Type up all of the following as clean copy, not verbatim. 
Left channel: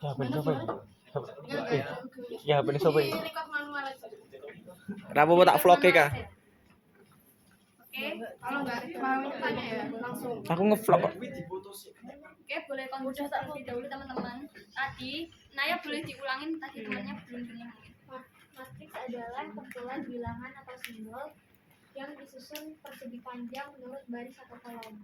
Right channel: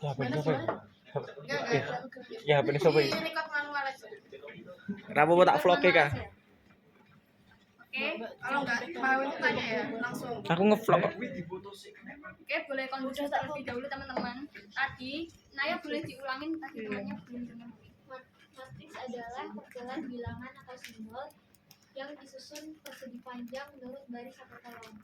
Ya bener sopo. Ya bener sopo. Record manual aja. Rapo tak vlog e kah? Oke, kalau nggak mau tanya ya langsung. Aku ngevlog kok. Oke, boleh kondusif terlebih dahulu teman-teman. Tadi Naya boleh diulangin tadi temannya belum dengar mungkin. Matriks adalah kumpulan bilangan atau simbol yang disusun persegi panjang menurut baris atau kolom.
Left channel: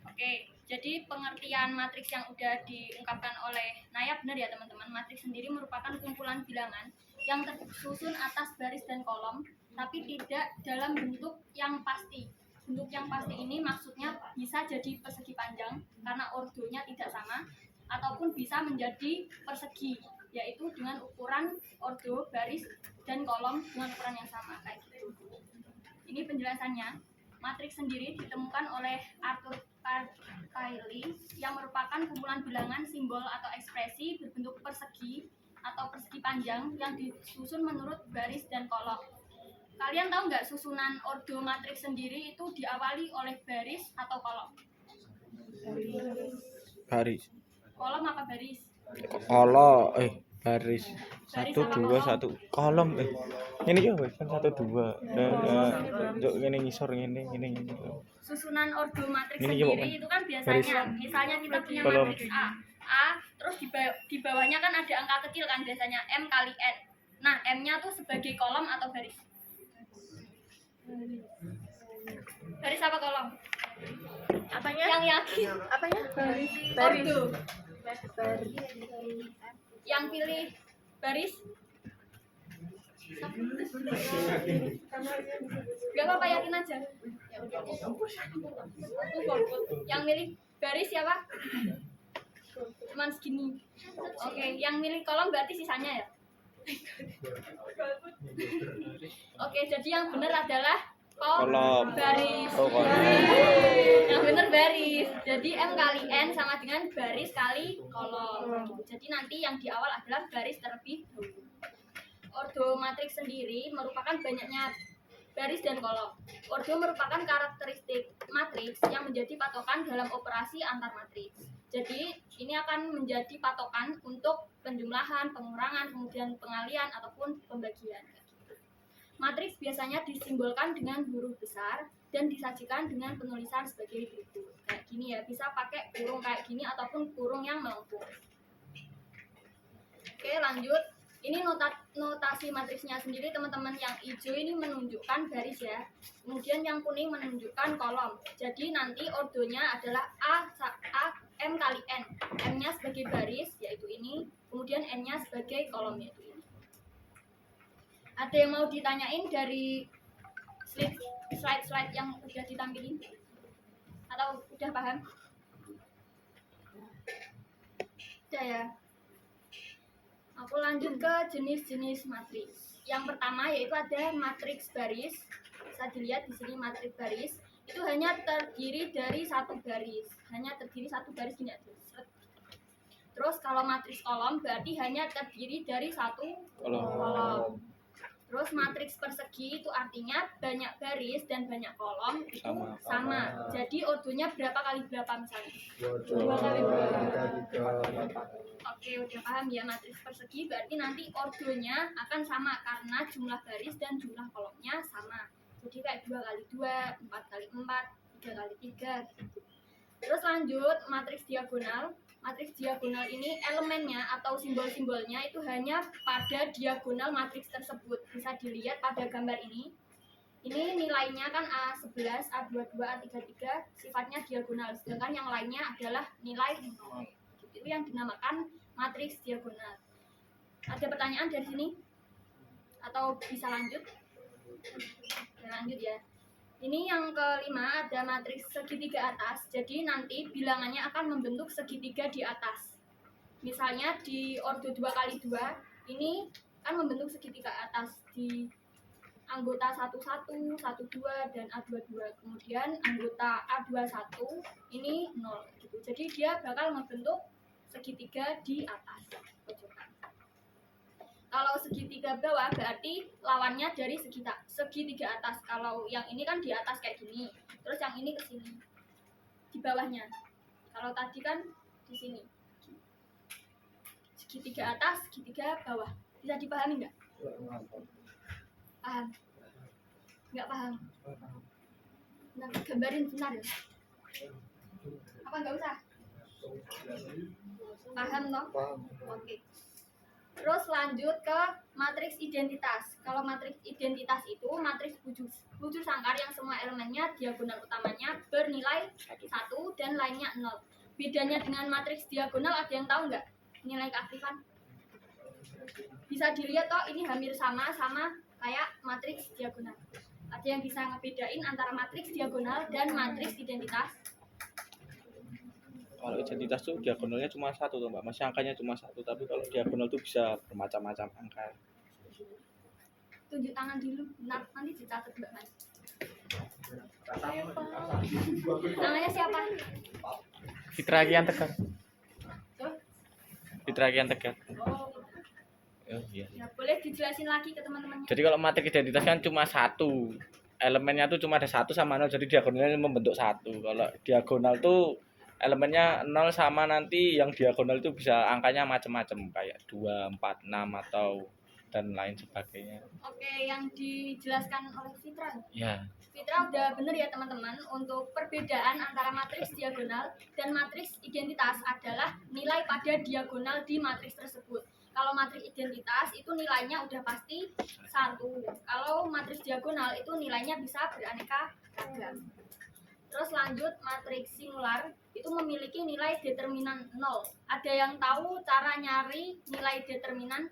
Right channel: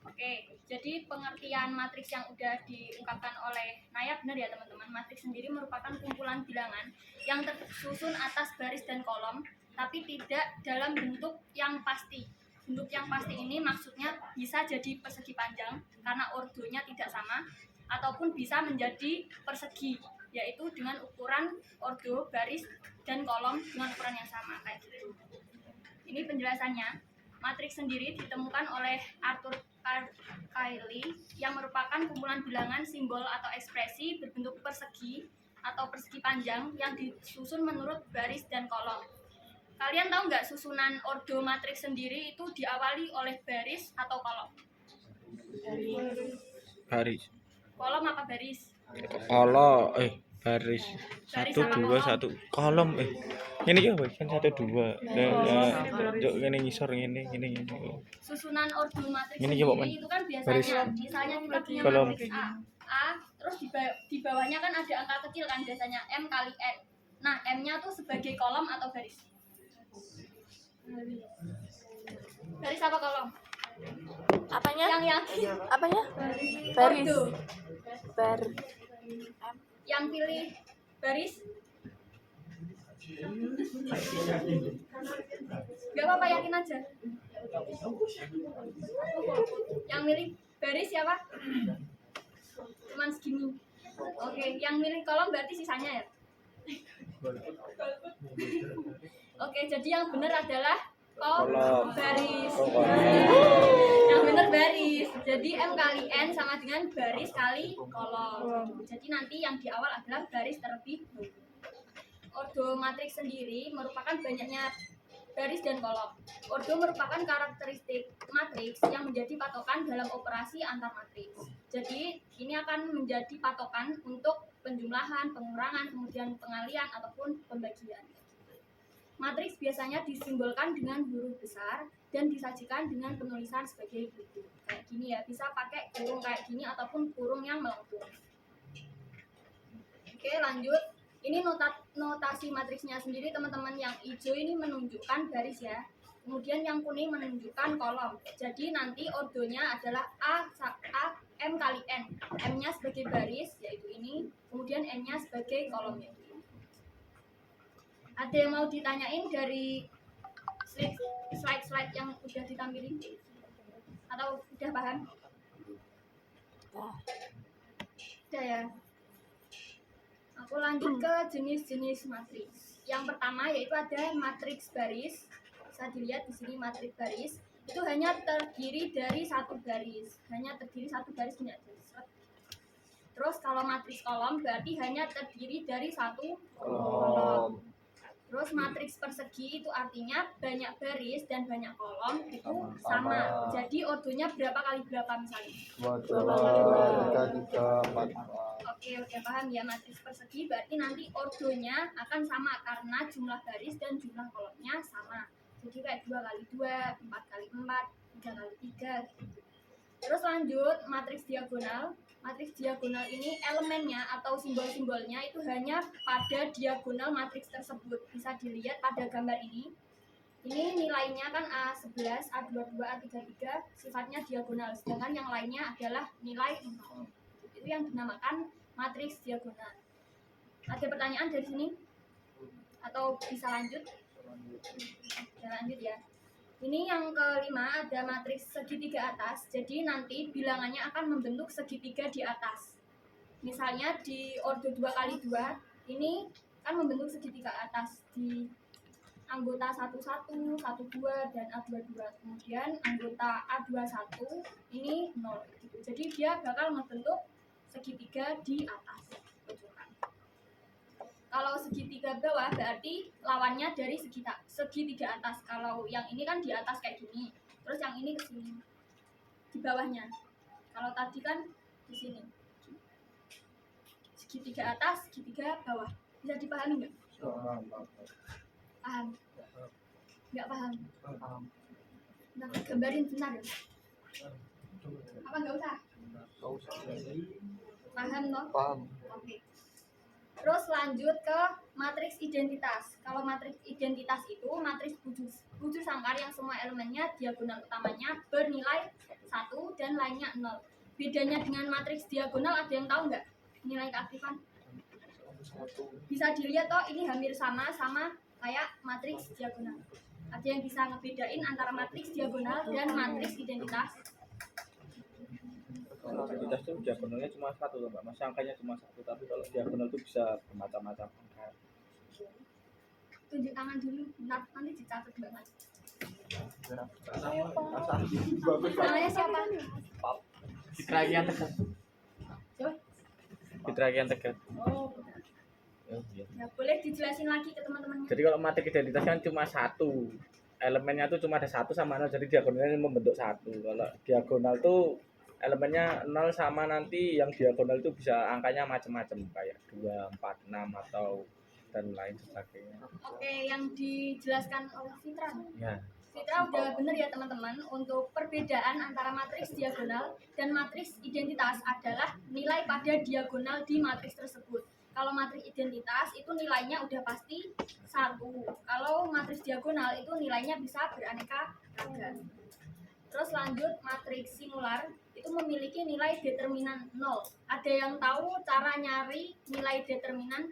Oke, jadi pengertian matriks yang udah diungkapkan oleh Naya benar ya teman-teman. Matriks sendiri merupakan kumpulan bilangan yang tersusun atas baris dan kolom, tapi tidak dalam bentuk yang pasti. Bentuk yang pasti ini maksudnya bisa jadi persegi panjang karena ordonya tidak sama, ataupun bisa menjadi persegi, yaitu dengan ukuran ordo, baris, dan kolom dengan ukuran yang sama kayak gitu. Ini penjelasannya. Matriks sendiri ditemukan oleh Arthur Cayley yang merupakan kumpulan bilangan, simbol atau ekspresi berbentuk persegi atau persegi panjang yang disusun menurut baris dan kolom. Kalian tahu nggak susunan ordo matriks sendiri itu diawali oleh baris atau kolom? Baris. Kolom apa baris? Baris. Baris 1 sama 2 kolom? 1 kolom Ini ya kan 1 2. Yo ngene ngisor ngene. Susunan ordo matriks Ini coba, sendiri itu kan biasanya baris. misalnya kita punya Kolom. matriks A, terus di bawahnya kan ada angka kecil kan biasanya M kali N. Nah, M-nya tuh sebagai kolom atau baris? Baris apa kolom? Apanya? Yang yakin? Apanya? Ordo. Baris. Yang pilih baris? Gak apa-apa, yakin aja. Yang milih baris siapa? Cuman segini. Oke, yang milih kolom berarti sisanya ya? Oke, jadi yang benar adalah Kolom. baris. Oh, kolom. Yang benar baris. Jadi M kali N sama dengan baris kali kolom. Jadi nanti yang di awal adalah baris terlebih dahulu. Ordo matriks sendiri merupakan banyaknya baris dan kolom. Ordo merupakan karakteristik matriks yang menjadi patokan dalam operasi antar matriks. Jadi ini akan menjadi patokan untuk penjumlahan, pengurangan, kemudian pengalian ataupun pembagian. Matriks biasanya disimbolkan dengan huruf besar dan disajikan dengan penulisan sebagai berikut. Kayak gini ya, bisa pakai kurung kayak gini ataupun kurung yang melengkung. Oke, lanjut. Ini notasi matriksnya sendiri teman-teman. Yang hijau ini menunjukkan baris ya. Kemudian yang kuning menunjukkan kolom. Jadi nanti ordonya adalah M kali N. M-nya sebagai baris yaitu ini, kemudian N-nya sebagai kolom yaitu ini. Ada yang mau ditanyain dari slide yang udah ditampilin? Atau udah paham? Udah ya. Aku lanjut ke jenis-jenis matriks. Yang pertama yaitu ada matriks baris. Bisa dilihat di sini matriks baris itu hanya terdiri dari satu baris. Gini aja. Terus kalau matriks kolom berarti hanya terdiri dari satu kolom. Terus matriks persegi itu artinya banyak baris dan banyak kolom itu sama. Jadi ordonya berapa kali berapa misalnya? 2 kali 3. Oke, udah paham ya. Matriks persegi berarti nanti ordonya akan sama karena jumlah baris dan jumlah kolomnya sama. Jadi kayak 2 kali 2, 4 kali 4, 3 kali 3 gitu. Terus lanjut matriks diagonal. Matriks diagonal ini elemennya atau simbol-simbolnya itu hanya pada diagonal matriks tersebut. Bisa dilihat pada gambar ini. Ini nilainya kan A11, A22, A33 sifatnya diagonal. Sedangkan yang lainnya adalah nilai 0. Itu yang dinamakan matriks diagonal. Ada pertanyaan dari sini? Atau bisa lanjut? Lanjut ya. Ini yang kelima ada matriks segitiga atas. Jadi nanti bilangannya akan membentuk segitiga di atas. Misalnya di ordo 2 kali 2 ini kan membentuk segitiga atas di anggota 11, 12 dan A22. Kemudian anggota A21 ini 0 gitu. Jadi dia bakal membentuk segitiga di atas pojokan. Kalau segitiga bawah berarti lawannya dari segitiga atas. Kalau yang ini kan di atas kayak gini, terus yang ini ke sini, di bawahnya. Kalau tadi kan di sini. segitiga atas, segitiga bawah. Bisa dipahami nggak? Paham? Nggak paham? Nah, gambarin benar ya? Apa nggak usah? Paham toh? Oke. Terus lanjut ke matriks identitas. Kalau matriks identitas itu matriks bujur sangkar yang semua elemennya diagonal utamanya bernilai 1 dan lainnya 0. Bedanya dengan matriks diagonal ada yang tahu nggak? Nilai keaktifan? Bisa dilihat toh ini hampir sama kayak matriks diagonal. Ada yang bisa ngebedain antara matriks diagonal dan matriks identitas? Kalau identitas tuh diagonalnya cuma 1 tuh Mbak, masih angkanya cuma 1, tapi kalau diagonal tuh bisa bermacam-macam angka. Tunjuk tangan dulu, nanti dicatat Mbak Mas. Namanya siapa? Fitra Kian Tegar. Tuh. Fitra Kian Tegar. Oh, Oh iya. ya boleh dijelasin lagi ke teman-temannya. Jadi kalau matriks identitas kan cuma 1. Elemennya tuh cuma ada 1 sama 0, jadi diagonalnya membentuk 1. Kalau diagonal tuh elemennya 0 sama nanti yang diagonal itu bisa angkanya macam-macam kayak 2, 4, 6 atau dan lain sebagainya. Oke, yang dijelaskan oleh Fitra. Ya. Fitra udah bener ya teman-teman. Untuk perbedaan antara matriks diagonal dan matriks identitas adalah nilai pada diagonal di matriks tersebut. Kalau matriks identitas itu nilainya udah pasti 1. Kalau matriks diagonal itu nilainya bisa beraneka ragam. Terus lanjut matriks singular itu memiliki nilai determinan 0. Ada yang tahu cara nyari nilai determinan?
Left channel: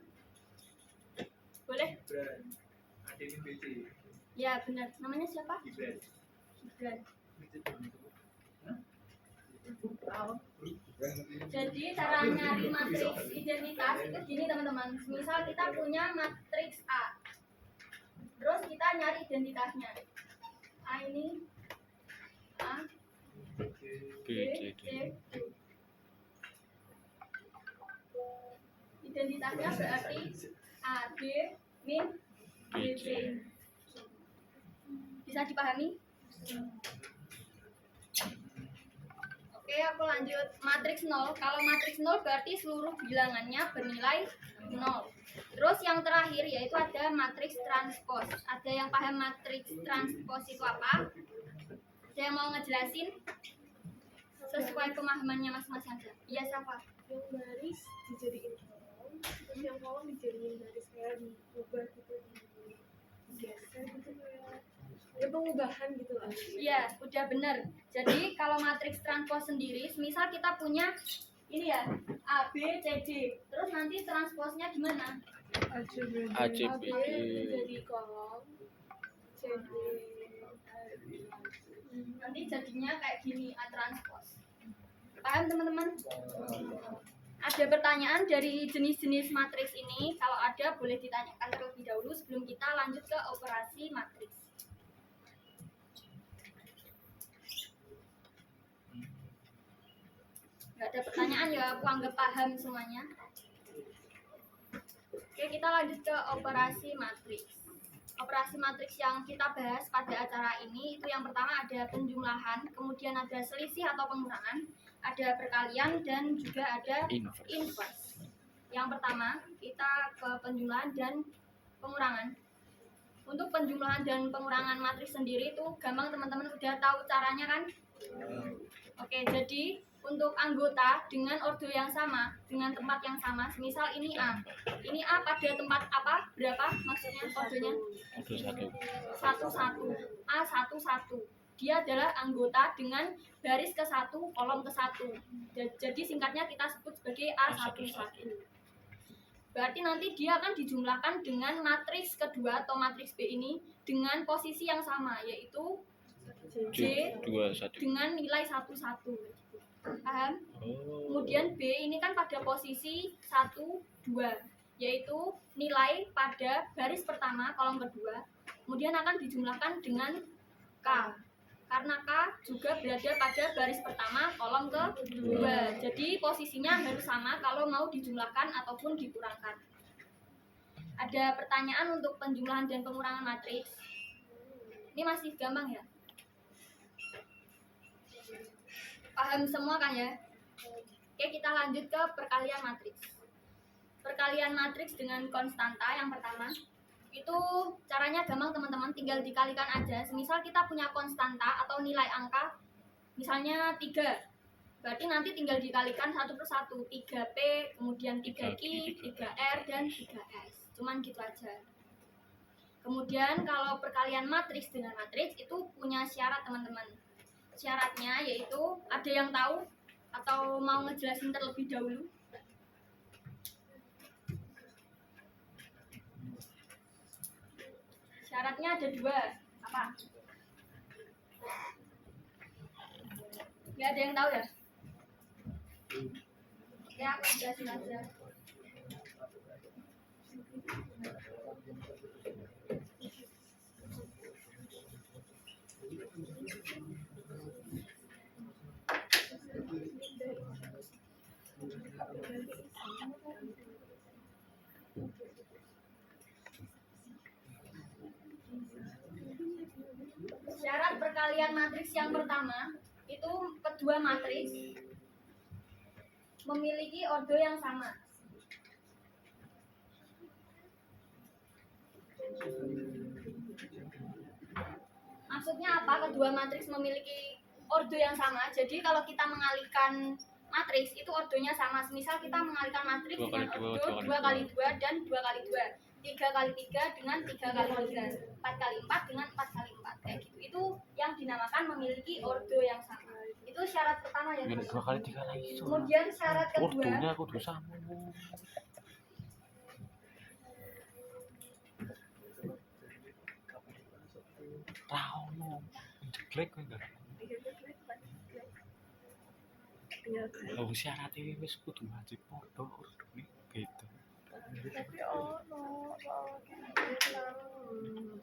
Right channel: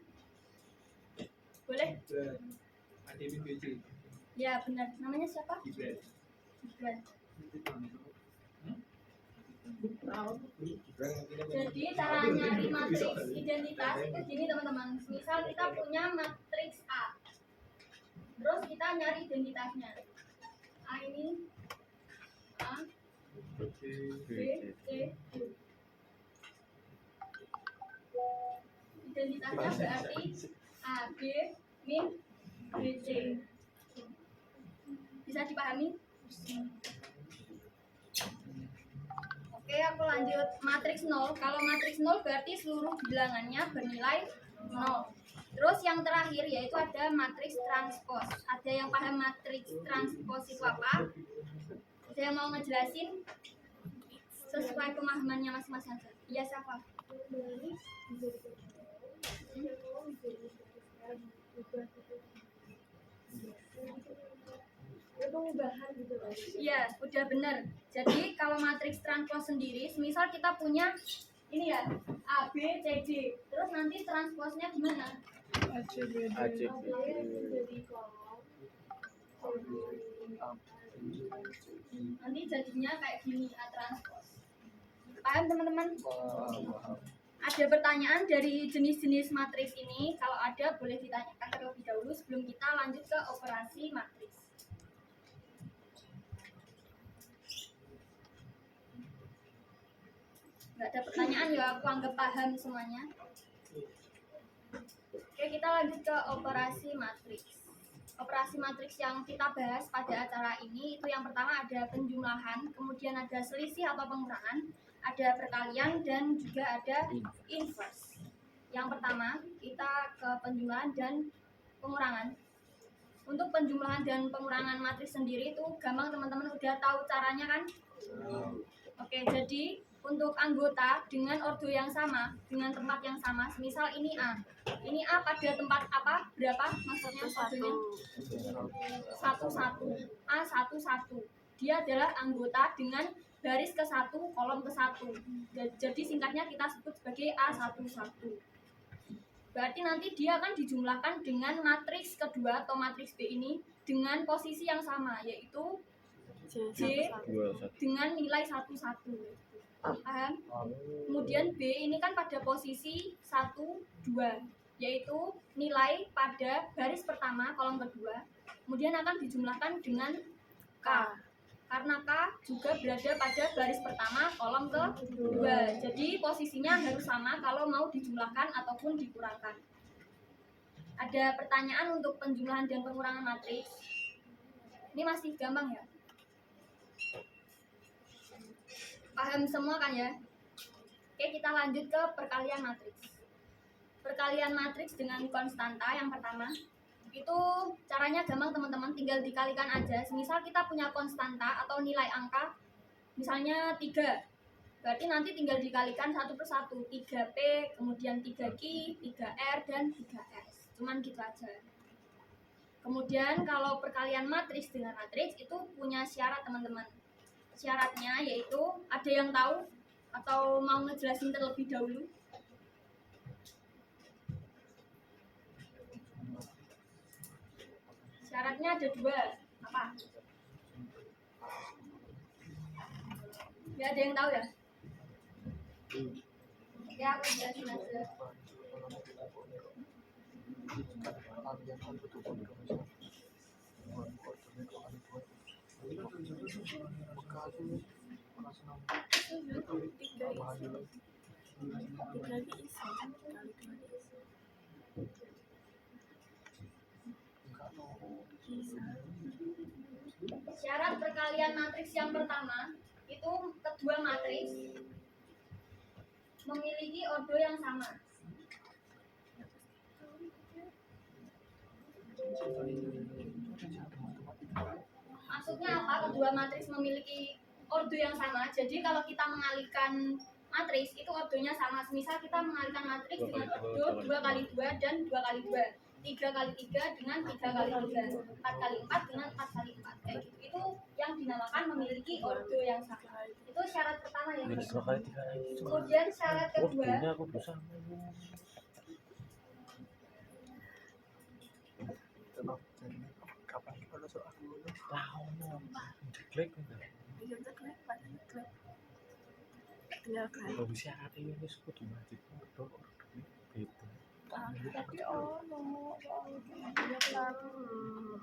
Boleh? Ya benar. Namanya siapa? Gibran. Jadi cara nyari matriks identitas itu gini teman-teman. Misal kita punya matriks A. Terus kita nyari identitasnya. A ini A, B, C, D. Identitasnya berarti A, B, min, B, C. Bisa dipahami? Oke, aku lanjut matriks 0. Kalau matriks 0 berarti seluruh bilangannya bernilai 0. Terus yang terakhir yaitu ada matriks transpos. Ada yang paham matriks transpos itu apa? Ada yang mau ngejelasin? Sesuai pemahamannya masing-masing aja. Iya, siapa? Yang baris dijadiin yang kolom dijadiin baris kayak diubah gitu, geser gitu kayak ya pengubahan gitu lah. Iya, udah bener. Jadi kalau matriks transpos sendiri, misal kita punya ini ya A, B, C, D. Terus nanti transposnya gimana? A, C, B, A, D. B Jadi kolom CD nanti jadinya kayak gini, A transpos. Paham teman-teman? Ada pertanyaan dari jenis-jenis matriks ini? Kalau ada boleh ditanyakan terlebih dahulu sebelum kita lanjut ke operasi matriks. Nggak ada pertanyaan ya, aku anggap paham semuanya. Oke, kita lanjut ke operasi matriks. Operasi matriks yang kita bahas pada acara ini itu yang pertama ada penjumlahan, kemudian ada selisih atau pengurangan, ada perkalian, dan juga ada inverse. Yang pertama kita ke penjumlahan dan pengurangan. Untuk penjumlahan dan pengurangan matriks sendiri itu gampang, teman-teman udah tahu caranya kan? Oke, jadi untuk anggota dengan ordo yang sama, dengan tempat yang sama, misal ini A. Ini A pada tempat apa? Berapa maksudnya ordonya? 1, 1. A 1, 1. Dia adalah anggota dengan baris ke-1, kolom ke-1. Jadi singkatnya kita sebut sebagai A11. Berarti nanti dia akan dijumlahkan dengan matriks kedua atau matriks B ini dengan posisi yang sama, yaitu J dengan nilai 1, 1. Paham? Kemudian B ini kan pada posisi 1, 2, yaitu nilai pada baris pertama kolom kedua, kemudian akan dijumlahkan dengan K, karena K juga berada pada baris pertama kolom kedua. Jadi posisinya harus sama kalau mau dijumlahkan ataupun dikurangkan. Ada pertanyaan untuk penjumlahan dan pengurangan matriks? Ini masih gampang ya? Paham semua kan ya? Oke, kita lanjut ke perkalian matriks. perkalian matriks dengan konstanta yang pertama. Itu caranya gampang teman-teman, tinggal dikalikan aja. Semisal kita punya konstanta atau nilai angka misalnya 3, berarti nanti tinggal dikalikan satu per satu, 3P, kemudian 3Q, 3R, dan 3S. Cuman gitu aja. Kemudian kalau perkalian matriks dengan matriks itu punya syarat teman-teman. Syaratnya yaitu, ada yang tahu atau mau ngejelasin terlebih dahulu? Syaratnya ada 2. Apa? Gak ada yang tahu ya? Oke, aku jelasin aja. Syarat perkalian matriks yang pertama, itu kedua matriks memiliki ordo yang sama. Maksudnya apa? Kedua matriks memiliki ordo yang sama. Jadi kalau kita mengalihkan matriks itu ordonya sama. Misal kita mengalihkan matriks dengan ordo 2 kali 2 dan 2 kali 2, 3 kali 3 dengan 3 kali 3, 4 kali 4 dengan 4 kali 4, kayak gitu. Itu yang dinamakan memiliki ordo yang sama. Itu syarat pertama ya. 2 kali 3 lagi. Kemudian syarat kedua, ordonya kudu sama. Jeglek enggak? Kalau syaratnya wis kudu wajib ordo beda. Tapi ono soal dia terlalu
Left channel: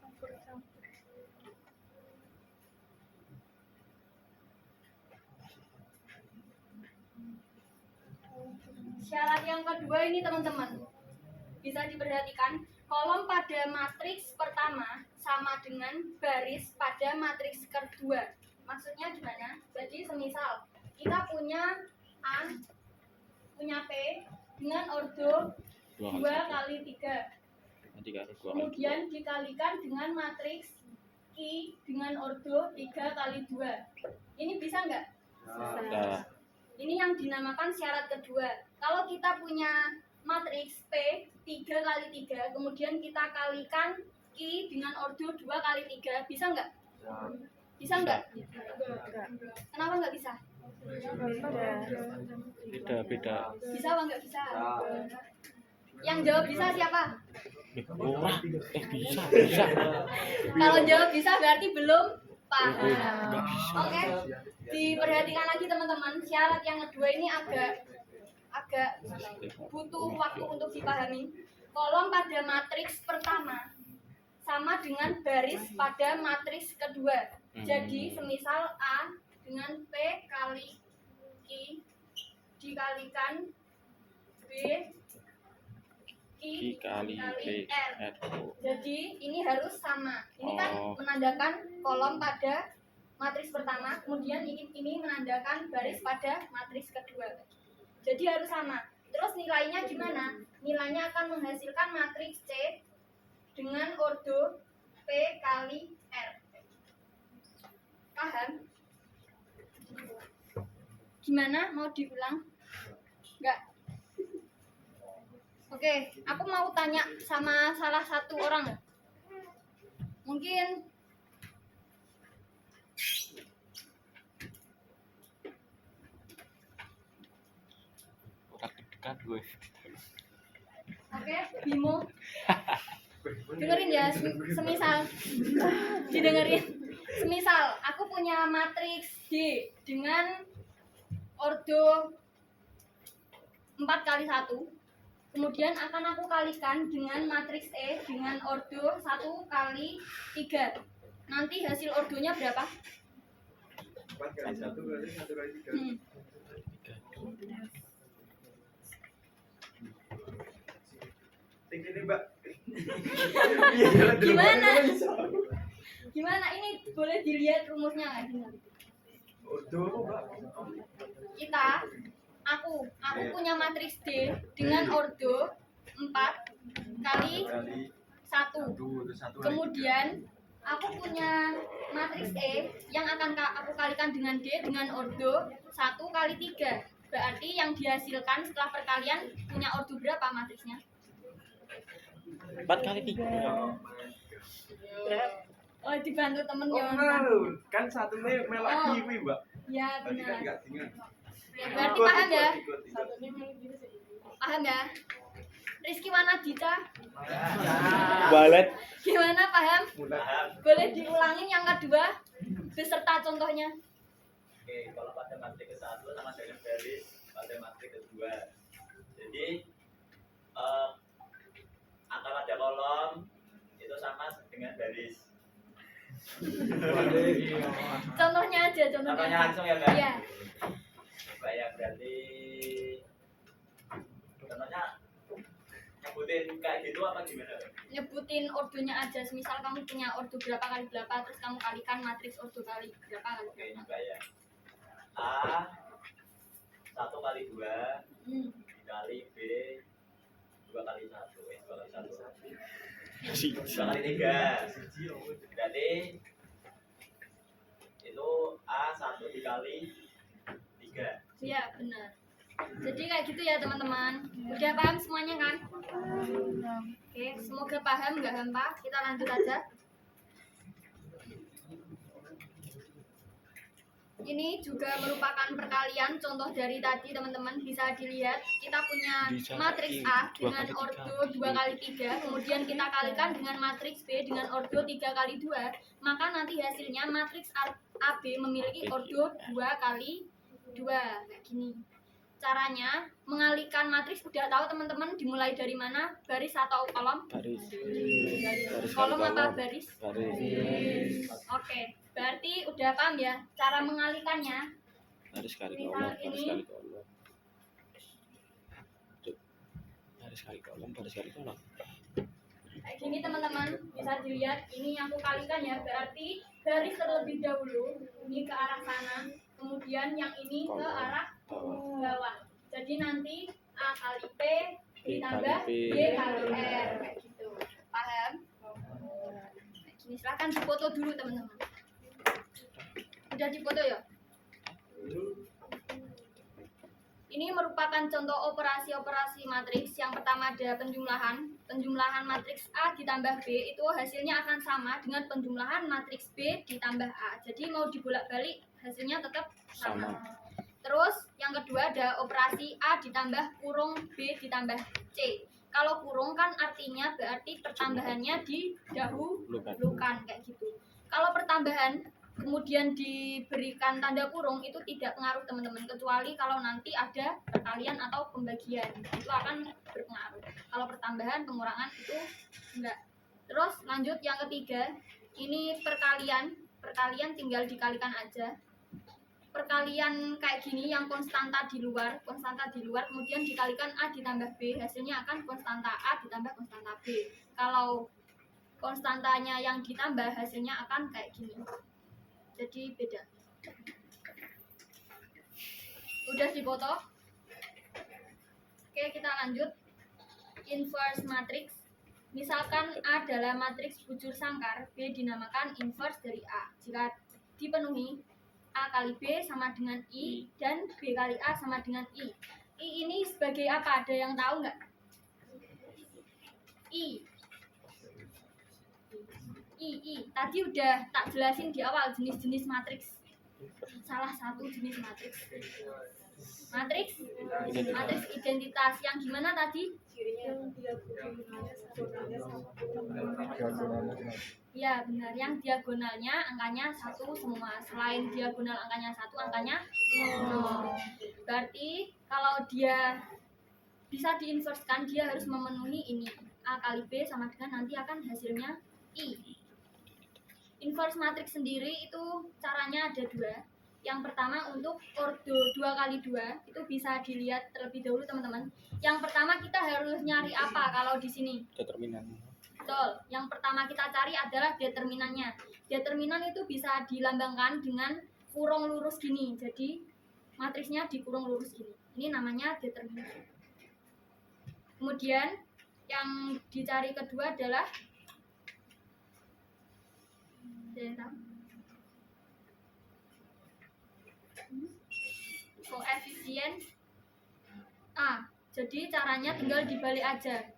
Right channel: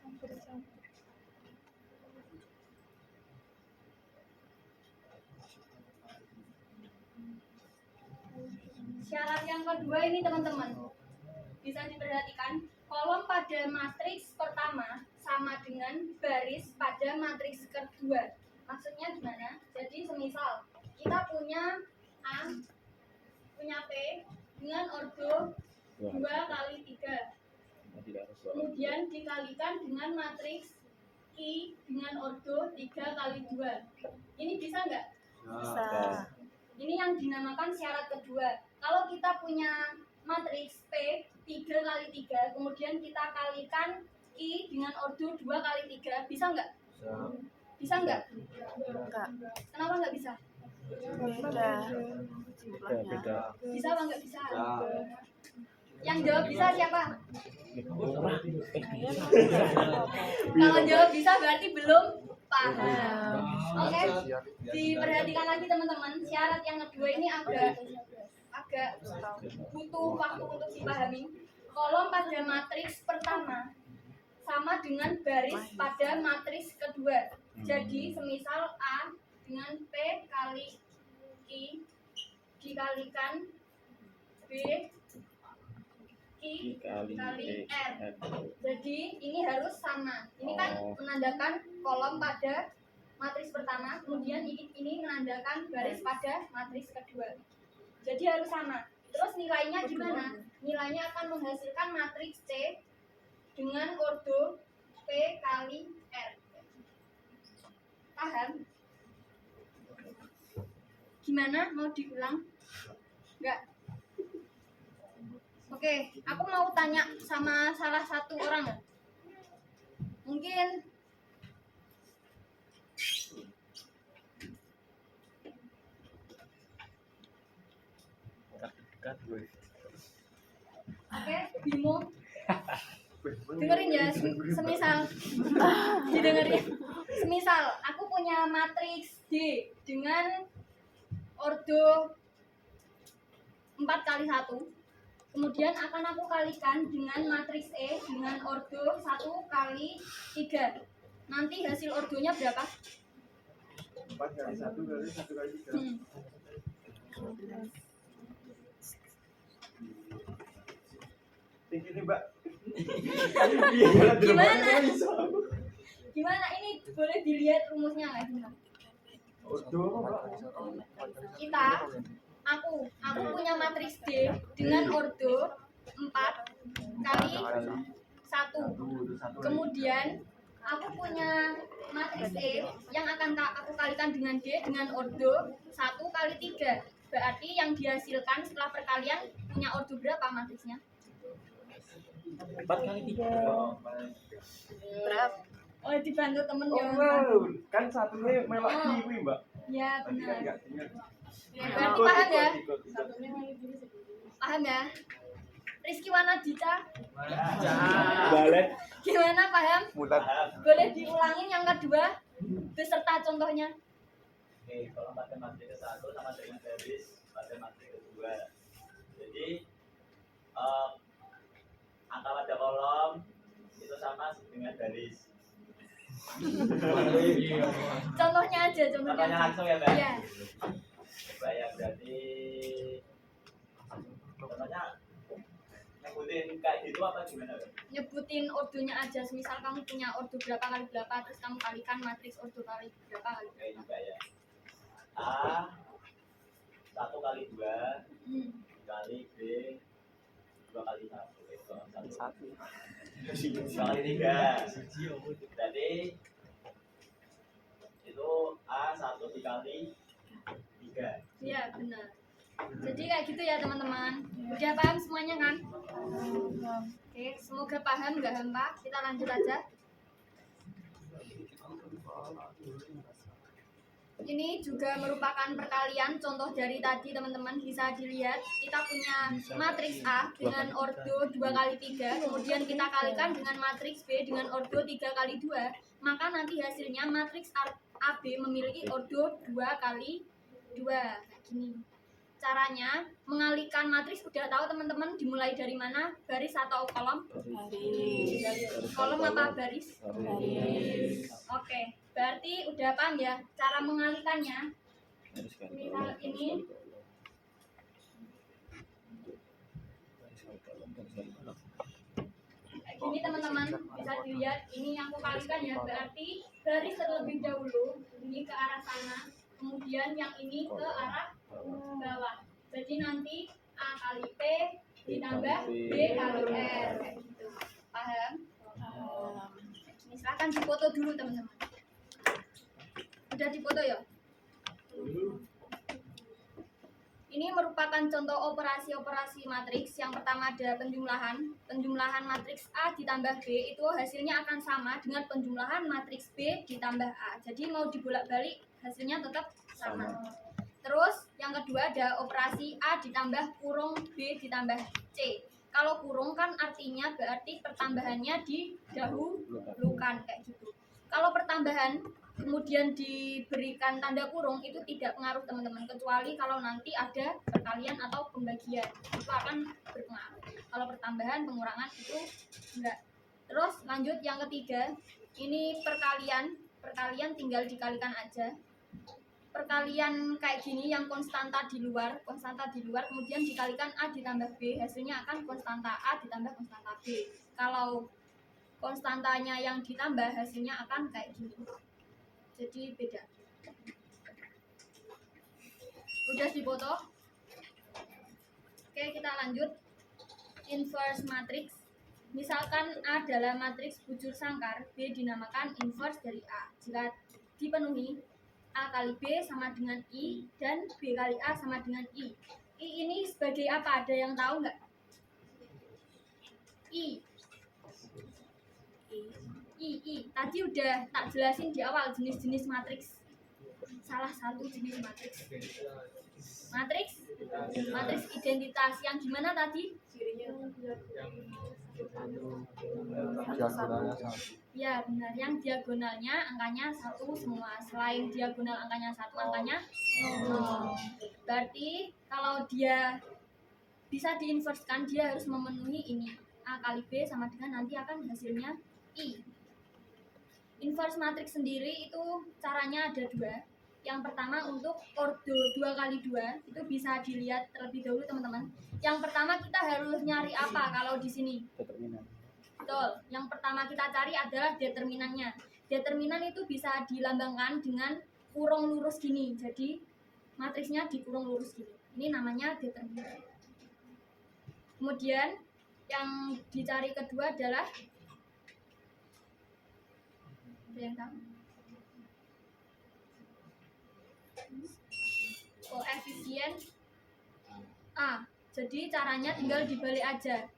campur-campur. syarat yang kedua ini teman-teman bisa diperhatikan, kolom pada matriks pertama sama dengan baris pada matriks kedua. Maksudnya gimana? Jadi semisal kita punya A, punya P dengan ordo 2 kali 3, kemudian dikalikan dengan matriks I dengan ordo 3 kali 2. Ini bisa nggak? Bisa. Ini yang dinamakan syarat kedua. Kalau kita punya matriks P 3 kali 3, kemudian kita kalikan I dengan ordo 2 kali 3, bisa nggak? Bisa nggak? Kenapa nggak bisa? Beda. Bisa apa nggak bisa? Yang jawab bisa siapa? Bisa. Kalau jawab bisa berarti belum paham. Oke, diperhatikan lagi teman-teman. Syarat yang kedua ini agak butuh waktu untuk dipahami. Kolom pada matriks pertama sama dengan baris pada matriks kedua. Jadi semisal A dengan P kali Q dikalikan B I kali R. Jadi ini harus sama. Ini kan menandakan kolom pada matriks pertama, kemudian ini menandakan baris pada matriks kedua. Jadi harus sama. Terus nilainya gimana? Nilainya akan menghasilkan matriks C dengan ordo P kali R. Paham? Gimana? Mau diulang? Enggak? Oke, aku mau tanya sama salah satu orang ya. Mungkin Orang dekat gue. oke, Bimo. Dengerin ya, semisal didengerin. Semisal aku punya matriks D dengan ordo 4 kali 1. Kemudian akan aku kalikan dengan matriks E dengan ordo 1 kali 3. Nanti hasil ordonya berapa? 4 kali 1 kali 1 kali 3. Ini Mbak. Gimana? Gimana? Ini boleh dilihat rumusnya nggak? Ordo apa Mbak? Kita A aku punya matriks D dengan ordo 4 kali kali 1. terus satu kali Kemudian aku punya matriks E yang akan aku kalikan dengan D dengan ordo 1 kali 3. Berarti yang dihasilkan setelah perkalian punya ordo berapa matriksnya? 4 kali 3. tiga. Oh, Oh, dibantu temen oh ya. enggak, kan satu nih melok Oh. kiwi mbak. Ya, Tadi kan benar. enggak ingat. Berarti paham ya? Ikut. Paham ya? Rizky Wanadita, Balet. gimana paham? Mutar. Boleh diulangin yang kedua beserta contohnya. Oke, kalau matematik ke-1 sama dengan garis matematik ke-2. Jadi angka pada kolom itu sama dengan garis. Contohnya aja, Contohnya langsung ya, Mbak? Iya. Coba ya, berarti contohnya nyebutin kayak gitu apa gimana, Mbak? Nyebutin ordonya aja. Misal kamu punya ordo berapa kali berapa, terus kamu kalikan matriks ordo kali berapa kali Oke, berapa. coba ya. A 1 kali 2 Hmm. dikali B 2 kali 1. 2 kali 1. 2 kali 3. Berarti itu A 1 dikali 3. Iya, benar. Jadi kayak gitu ya teman-teman. Udah paham semuanya kan? Oke, semoga paham, nggak hampa. Kita lanjut aja. Ini juga merupakan perkalian contoh dari tadi teman-teman, bisa dilihat kita punya matriks A dengan ordo 2 kali 3, kemudian kita kalikan dengan matriks B dengan ordo 3 kali 2, maka nanti hasilnya matriks AB memiliki ordo 2 kali 2 kayak gini. Caranya mengalihkan matriks udah tahu teman-teman, dimulai dari mana? Baris atau kolom? Kolom apa baris? Oke, berarti udah paham ya cara mengalihkannya. Baris kali Misal kolom, baris ini. kali kolom. Tuh. Baris kali kolom, baris kali kolom. Kayak gini teman-teman, bisa dilihat ini yang aku kalikan ya, berarti garis terlebih dahulu ini ke arah sana, kemudian yang ini ke arah bawah. Jadi nanti A kali P ditambah B kali R kayak gitu. Paham? Kayak gini, silahkan dipoto dulu teman-teman. Udah dipoto ya? Ini merupakan contoh operasi-operasi matriks. Yang pertama ada penjumlahan. Penjumlahan matriks A ditambah B itu hasilnya akan sama dengan penjumlahan matriks B ditambah A. Jadi mau dibolak-balik hasilnya tetap sama. Terus yang kedua ada operasi A ditambah kurung B ditambah C. Kalau kurung kan artinya berarti pertambahannya didahulukan kayak gitu. Kalau pertambahan kemudian diberikan tanda kurung itu tidak pengaruh teman-teman, kecuali kalau nanti ada perkalian atau pembagian itu akan berpengaruh. Kalau pertambahan pengurangan itu enggak. Terus lanjut yang ketiga, ini perkalian tinggal dikalikan aja. Perkalian kayak gini yang konstanta di luar kemudian dikalikan A ditambah B, hasilnya akan konstanta A ditambah konstanta B. Kalau konstantanya yang ditambah hasilnya akan kayak gini. Jadi beda. Udah dipoto? Oke, kita lanjut. Inverse matrix. Misalkan A adalah matriks bujur sangkar, B dinamakan inverse dari A. Jika dipenuhi, A kali B sama dengan I dan B kali A sama dengan I. I ini sebagai apa? Ada yang tahu nggak? I. Tadi udah tak jelasin di awal jenis-jenis matriks. Salah satu jenis matriks. Matriks identitas yang gimana tadi? Ya benar, yang diagonalnya angkanya 1 semua. Selain diagonal angkanya 1, angkanya 0. Berarti kalau dia bisa diinverskan, dia harus memenuhi ini. A kali B sama dengan nanti akan hasilnya I. Inverse matriks sendiri itu caranya ada dua. Yang pertama untuk ordo 2 kali 2 itu bisa dilihat terlebih dahulu teman-teman. Yang pertama kita harus nyari apa kalau di sini? Determinan. Betul. Yang pertama kita cari adalah determinannya. Determinan itu bisa dilambangkan dengan kurung lurus gini. Jadi matriksnya dikurung lurus gini. Ini namanya determinan. Kemudian yang dicari kedua adalah, ada yang tahu? Koefisien A. Jadi caranya tinggal dibalik aja.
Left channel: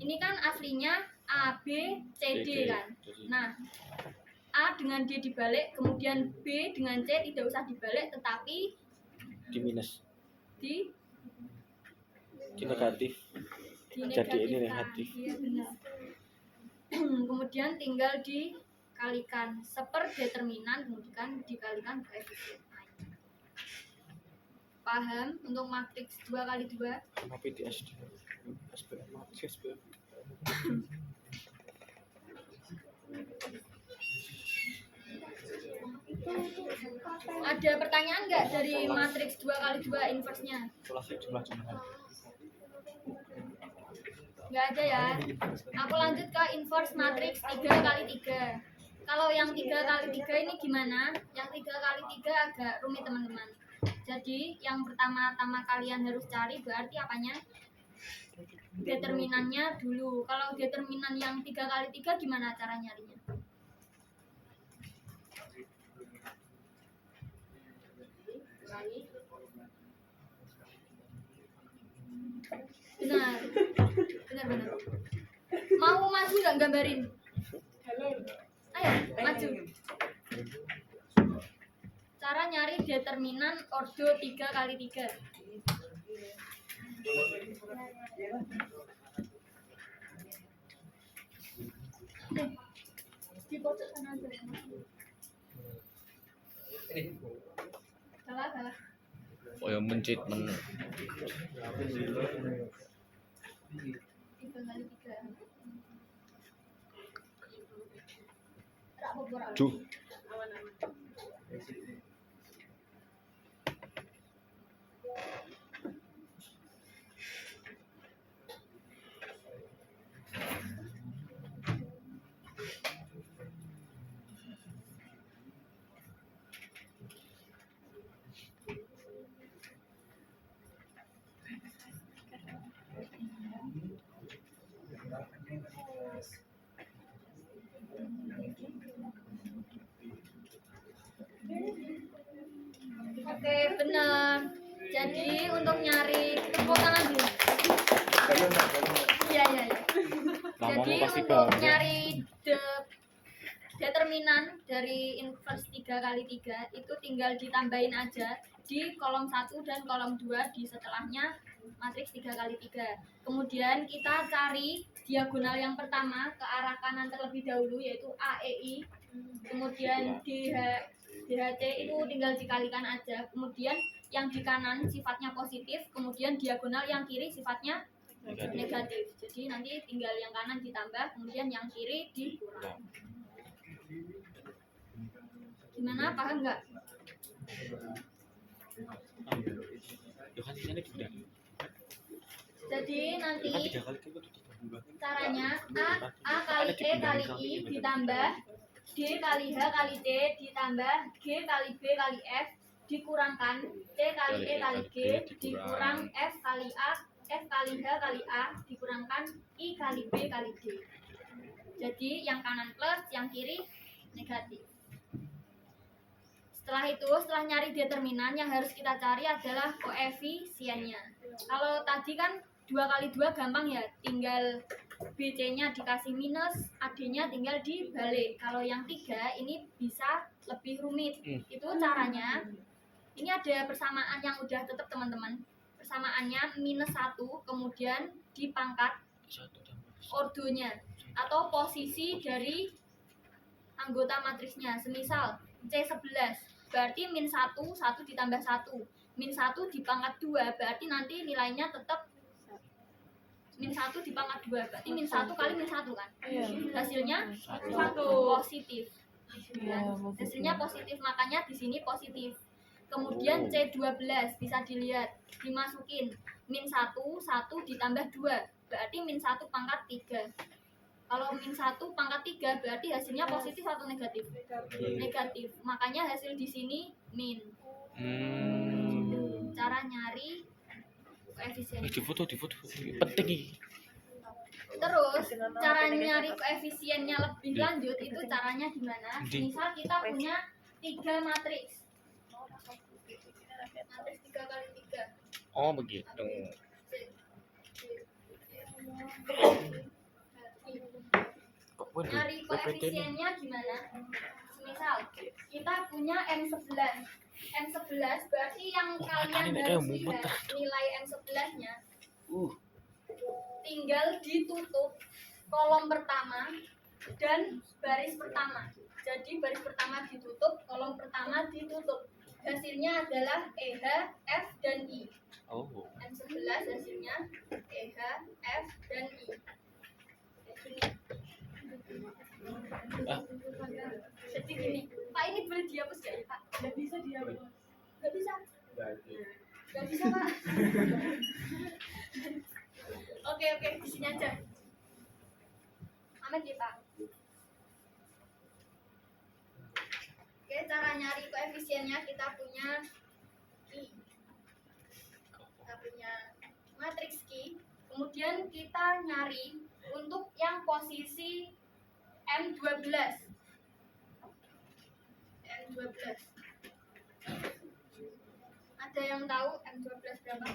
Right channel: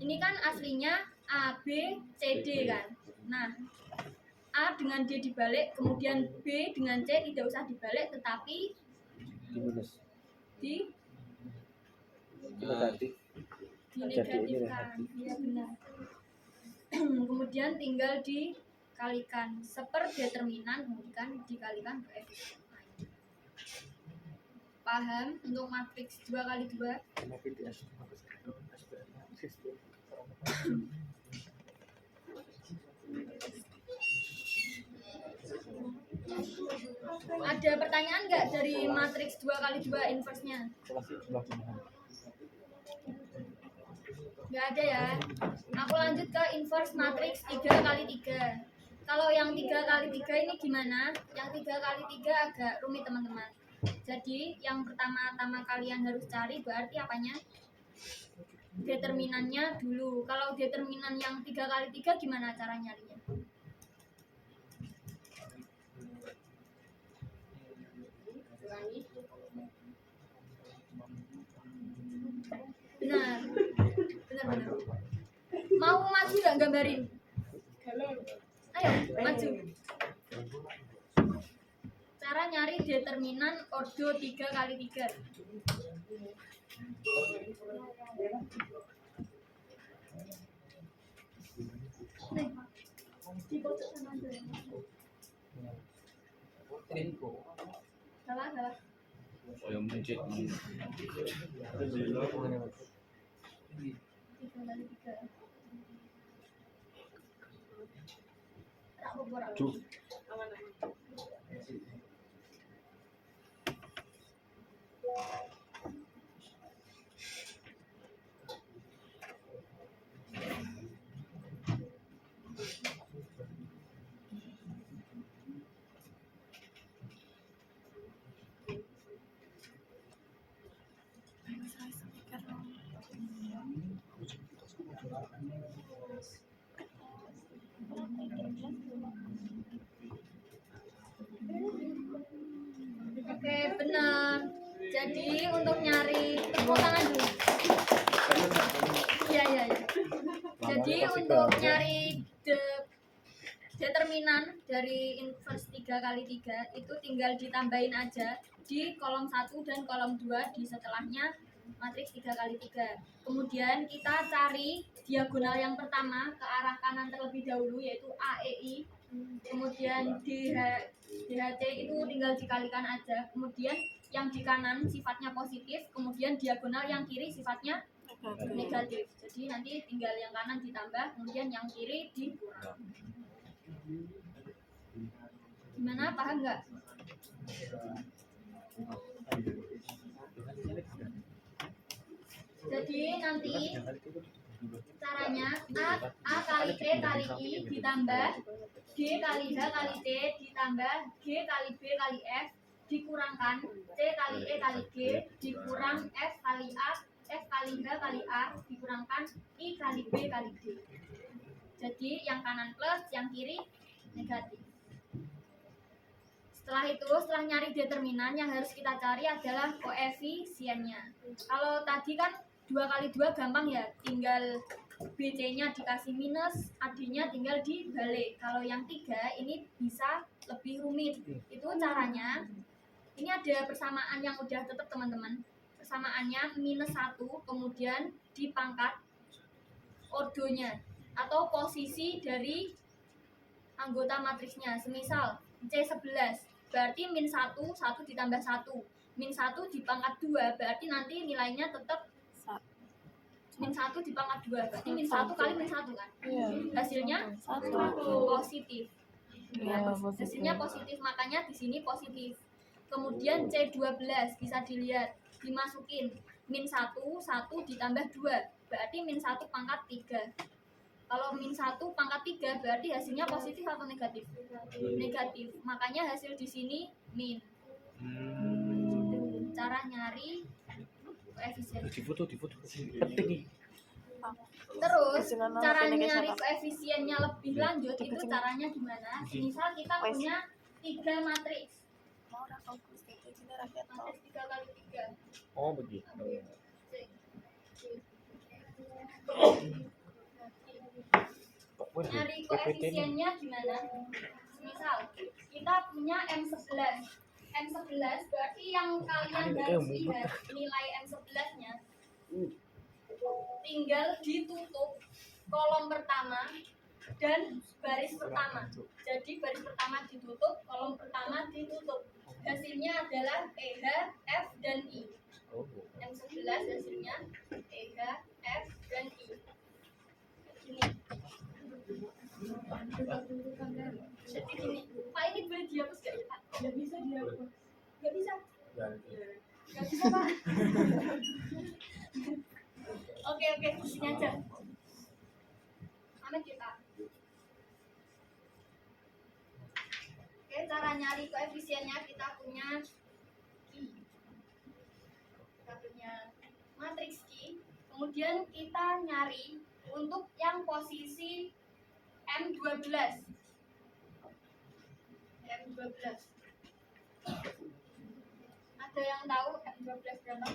Ini kan aslinya A, B, C, D kan. Nah, A dengan D dibalik, kemudian B dengan C tidak usah dibalik, tetapi Di minus, di negatif. Jadi ini negatif. Iya benar. Kemudian tinggal dikalikan seperdeterminan, kemudian dikalikan koefisien A. Paham untuk matriks 2x2? Tapi di SD SPM SPM. Ada pertanyaan nggak dari matriks 2x2 inverse-nya? Kalkulasi jumlah-jumlahan. Nggak ada ya. Aku lanjut ke inverse matriks 3x3. Kalau yang 3x3 ini gimana? Yang 3x3 agak rumit teman-teman. Jadi yang pertama-tama kalian harus cari berarti apanya? Determinannya dulu. Kalau determinan yang 3x3 gimana cara nyarinya? Benar. Benar. Mau maju nggak gambarin? Ayo, maju. Cara nyari determinan ordo 3x3. Nih, di pojok sana aja ya, Mas. Salah. Oh yang mencit 3x3. Rak bobor. Duh. Oke, benar. Jadi untuk nyari tepuk tangan dulu. Iya. Jadi untuk nyari determinan dari inverse 3x3 itu tinggal ditambahin aja di kolom 1 dan kolom 2 di setelahnya matriks 3x3. Kemudian kita cari diagonal yang pertama ke arah kanan terlebih dahulu yaitu AEI. Kemudian DHC itu tinggal dikalikan aja. Kemudian yang di kanan sifatnya positif, kemudian diagonal yang kiri sifatnya negatif. Jadi nanti tinggal yang kanan ditambah, kemudian yang kiri dikurang. Gimana, paham nggak? Jadi nanti caranya A kali E kali I ditambah D kali H kali T ditambah G kali B kali F dikurangkan T kali E kali G dikurang F kali A F kali H kali A dikurangkan I kali B kali D. Jadi yang kanan plus, yang kiri negatif. Setelah itu, setelah nyari determinan, yang harus kita cari adalah koefisiennya. Kalau tadi kan 2x2 gampang ya, tinggal BC-nya dikasih minus, AD-nya tinggal dibalik. Kalau yang 3 ini bisa lebih rumit. Itu caranya, ini ada persamaan yang udah tetap teman-teman. Persamaannya minus 1, kemudian dipangkat ordonya atau posisi dari anggota matriksnya. Semisal C11 berarti min 1, 1 ditambah 1. Min 1 dipangkat 2 berarti nanti nilainya tetap min 1 dipangkat 2 berarti min 1 kali min 1 kan. Hasilnya positif. Ya, hasilnya positif, makanya di sini positif. Kemudian C12 bisa dilihat, dimasukin min 1, 1 ditambah 2 berarti min 1 pangkat 3. Kalau min 1 pangkat 3 berarti hasilnya positif atau negatif? Negatif. Makanya hasil di sini min. Gitu. Cara nyari koefisien. di foto penting iki. Terus cara nyari koefisiennya lebih lanjut itu caranya gimana? Misal kita punya 3 matriks. Matriks 3 kali 3. Oh begitu. Kok Nyari koefisiennya gimana? Misal kita punya M11. M11 berarti yang kalian harus lihat nilai M11-nya. Tinggal ditutup kolom pertama dan baris pertama. Jadi baris pertama ditutup, kolom pertama ditutup. Hasilnya adalah EH, F, dan I. Oh. M11 hasilnya EH, F, dan I. Gini. Jadi gini, Pak ini boleh dihapus gak ya Pak? Nggak bisa dihapus. Gak bisa? Gak bisa Pak. Oke, di sini aja. Amin ya Pak. Oke, cara nyari koefisiennya kita punya Q. Kita punya matriks Q. Kemudian kita nyari untuk yang posisi M12. M12. Ada yang tahu M12 berapa?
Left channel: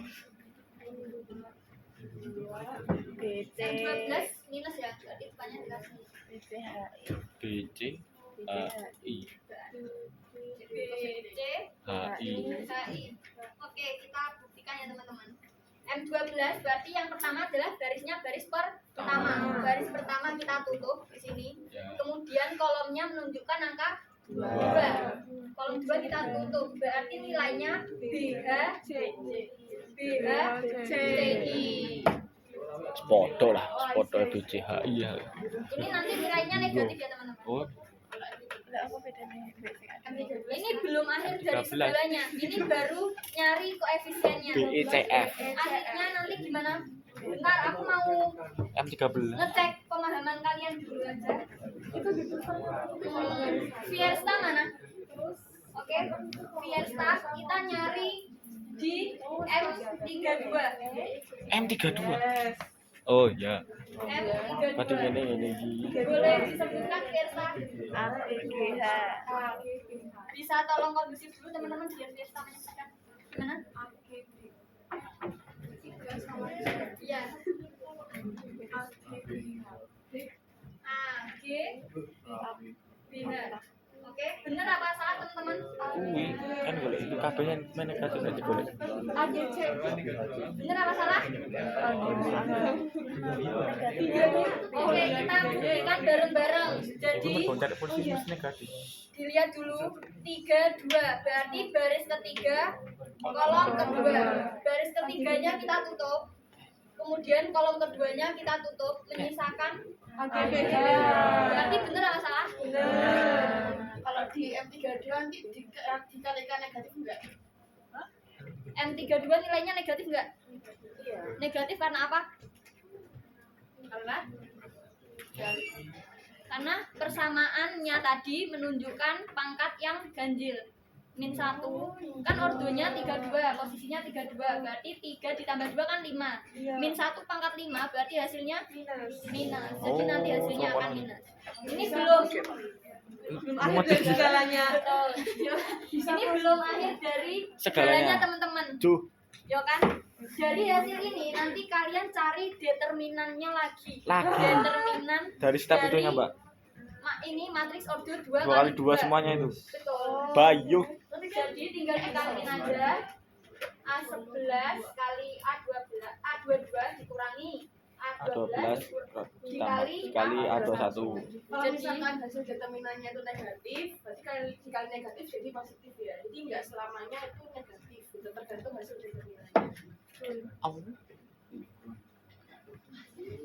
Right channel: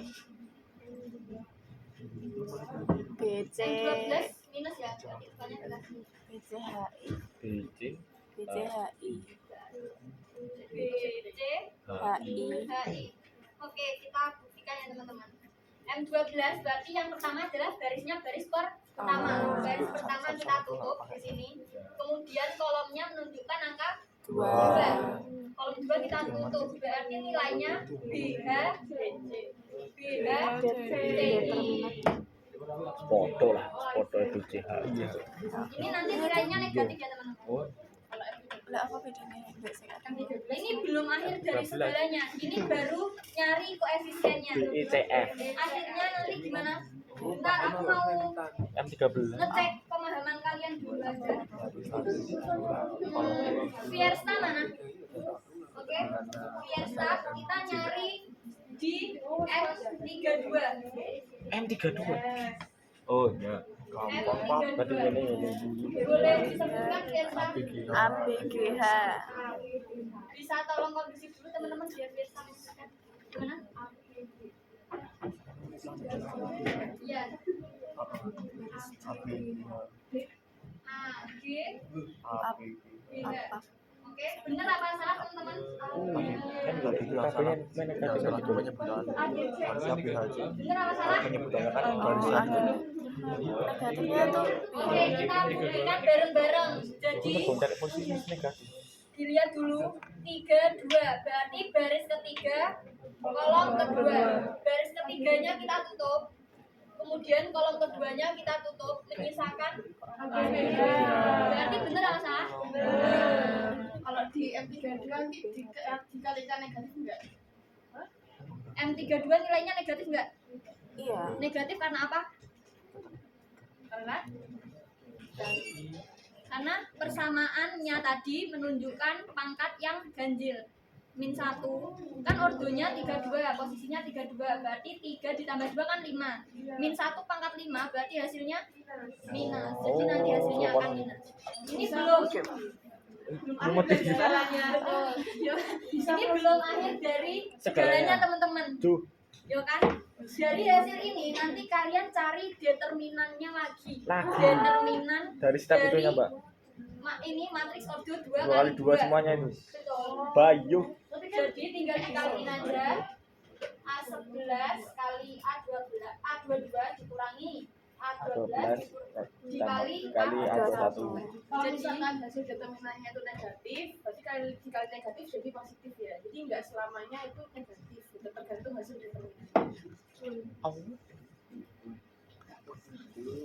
BC M12 minus ya, berarti depannya adalah minus. BCHI BC BCHI BC HI. HI. Oke, kita buktikan ya teman-teman. M12 berarti yang pertama adalah garisnya baris pertama. Baris pertama kita tutup di sini. Kemudian kolomnya menunjukkan angka 2. Kolom 2 kita tutup. Berarti nilainya BH BH CI. Foto lah, foto itu CHI ya. Ini nanti nilainya negatif ya teman-teman. Oh, lah apa bedanya BCHI Ini belum akhir dari segalanya. Ini baru nyari koefisiennya. BECF Akhirnya nanti gimana? Bentar, aku mau M13. ngecek pemahaman kalian dulu aja. Fiesta mana? Oke, Fiesta kita nyari di M32. M32. Oh ya. Berarti M32. ini. Boleh disebutkan Fiesta? ABGH Bisa tolong kondusif dulu teman-teman biar Fiesta menyebutkan. Gimana? Iya. A, G, BH. Oke, bener apa salah teman-teman? Kan golek itu kabehnya men negatif aja golek. A, G, C. Bener apa salah? Oke, kita buktikan bareng-bareng. Jadi Bener kon posisi negatif. dilihat dulu 3, 2. Berarti baris ketiga, kolom kedua. Baris ketiganya kita tutup. Kemudian kolom keduanya kita tutup, menyisakan ABG. Berarti bener apa salah? Kalau di M32 nanti dikalikan negatif enggak? M32 nilainya negatif enggak? iya Negatif karena apa? Karena persamaannya tadi menunjukkan pangkat yang ganjil. Min 1 kan ordonya 32, posisinya 32, berarti 3 ditambah 2 kan 5. Min 1 pangkat 5 berarti hasilnya minus. Jadi nanti hasilnya akan minus. Ini belum Akhir dari segalanya. betul. Ini belum akhir dari segalanya teman-teman. Tuh, Yo kan? Dari hasil ini nanti kalian cari determinannya lagi. Lagi. Determinan dari step itunya, Mbak. Ini matriks ordo 2 2 kali 2 semuanya itu. Betul. Bayu. Jadi tinggal dikaliin aja. A11 kali A22 dikurangi A12 dikali A21. Kalau misalkan hasil determinannya itu negatif, berarti dikali negatif jadi positif ya. Jadi nggak selamanya itu negatif, itu tergantung hasil determinannya.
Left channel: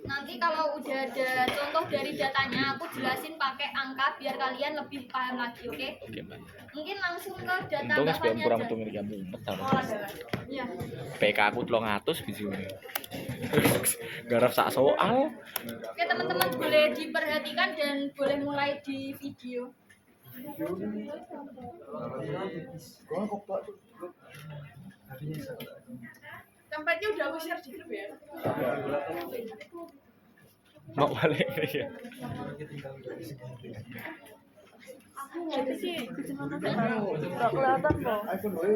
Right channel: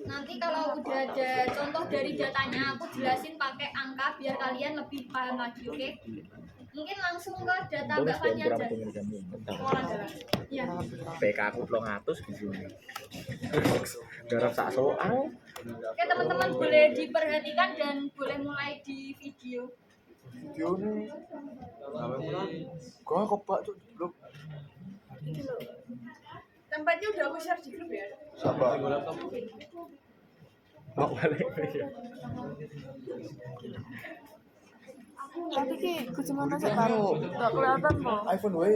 Nanti kalau udah ada contoh dari datanya, aku jelasin pakai angka biar kalian lebih paham lagi, oke? Oke, Mbak. Mungkin langsung ke data Untungnya sebelum bawahnya kurang aja. untung ini kamu. Iya. PK aku 300 gitu. Garap sak soal. Oke teman-teman boleh diperhatikan dan boleh mulai di video. Kok kopak tuh? Tempatnya udah aku share di grup ya. Mau balik ya. Tapi ki kucing mana sih karo? Gak kelihatan loh. iPhone wae.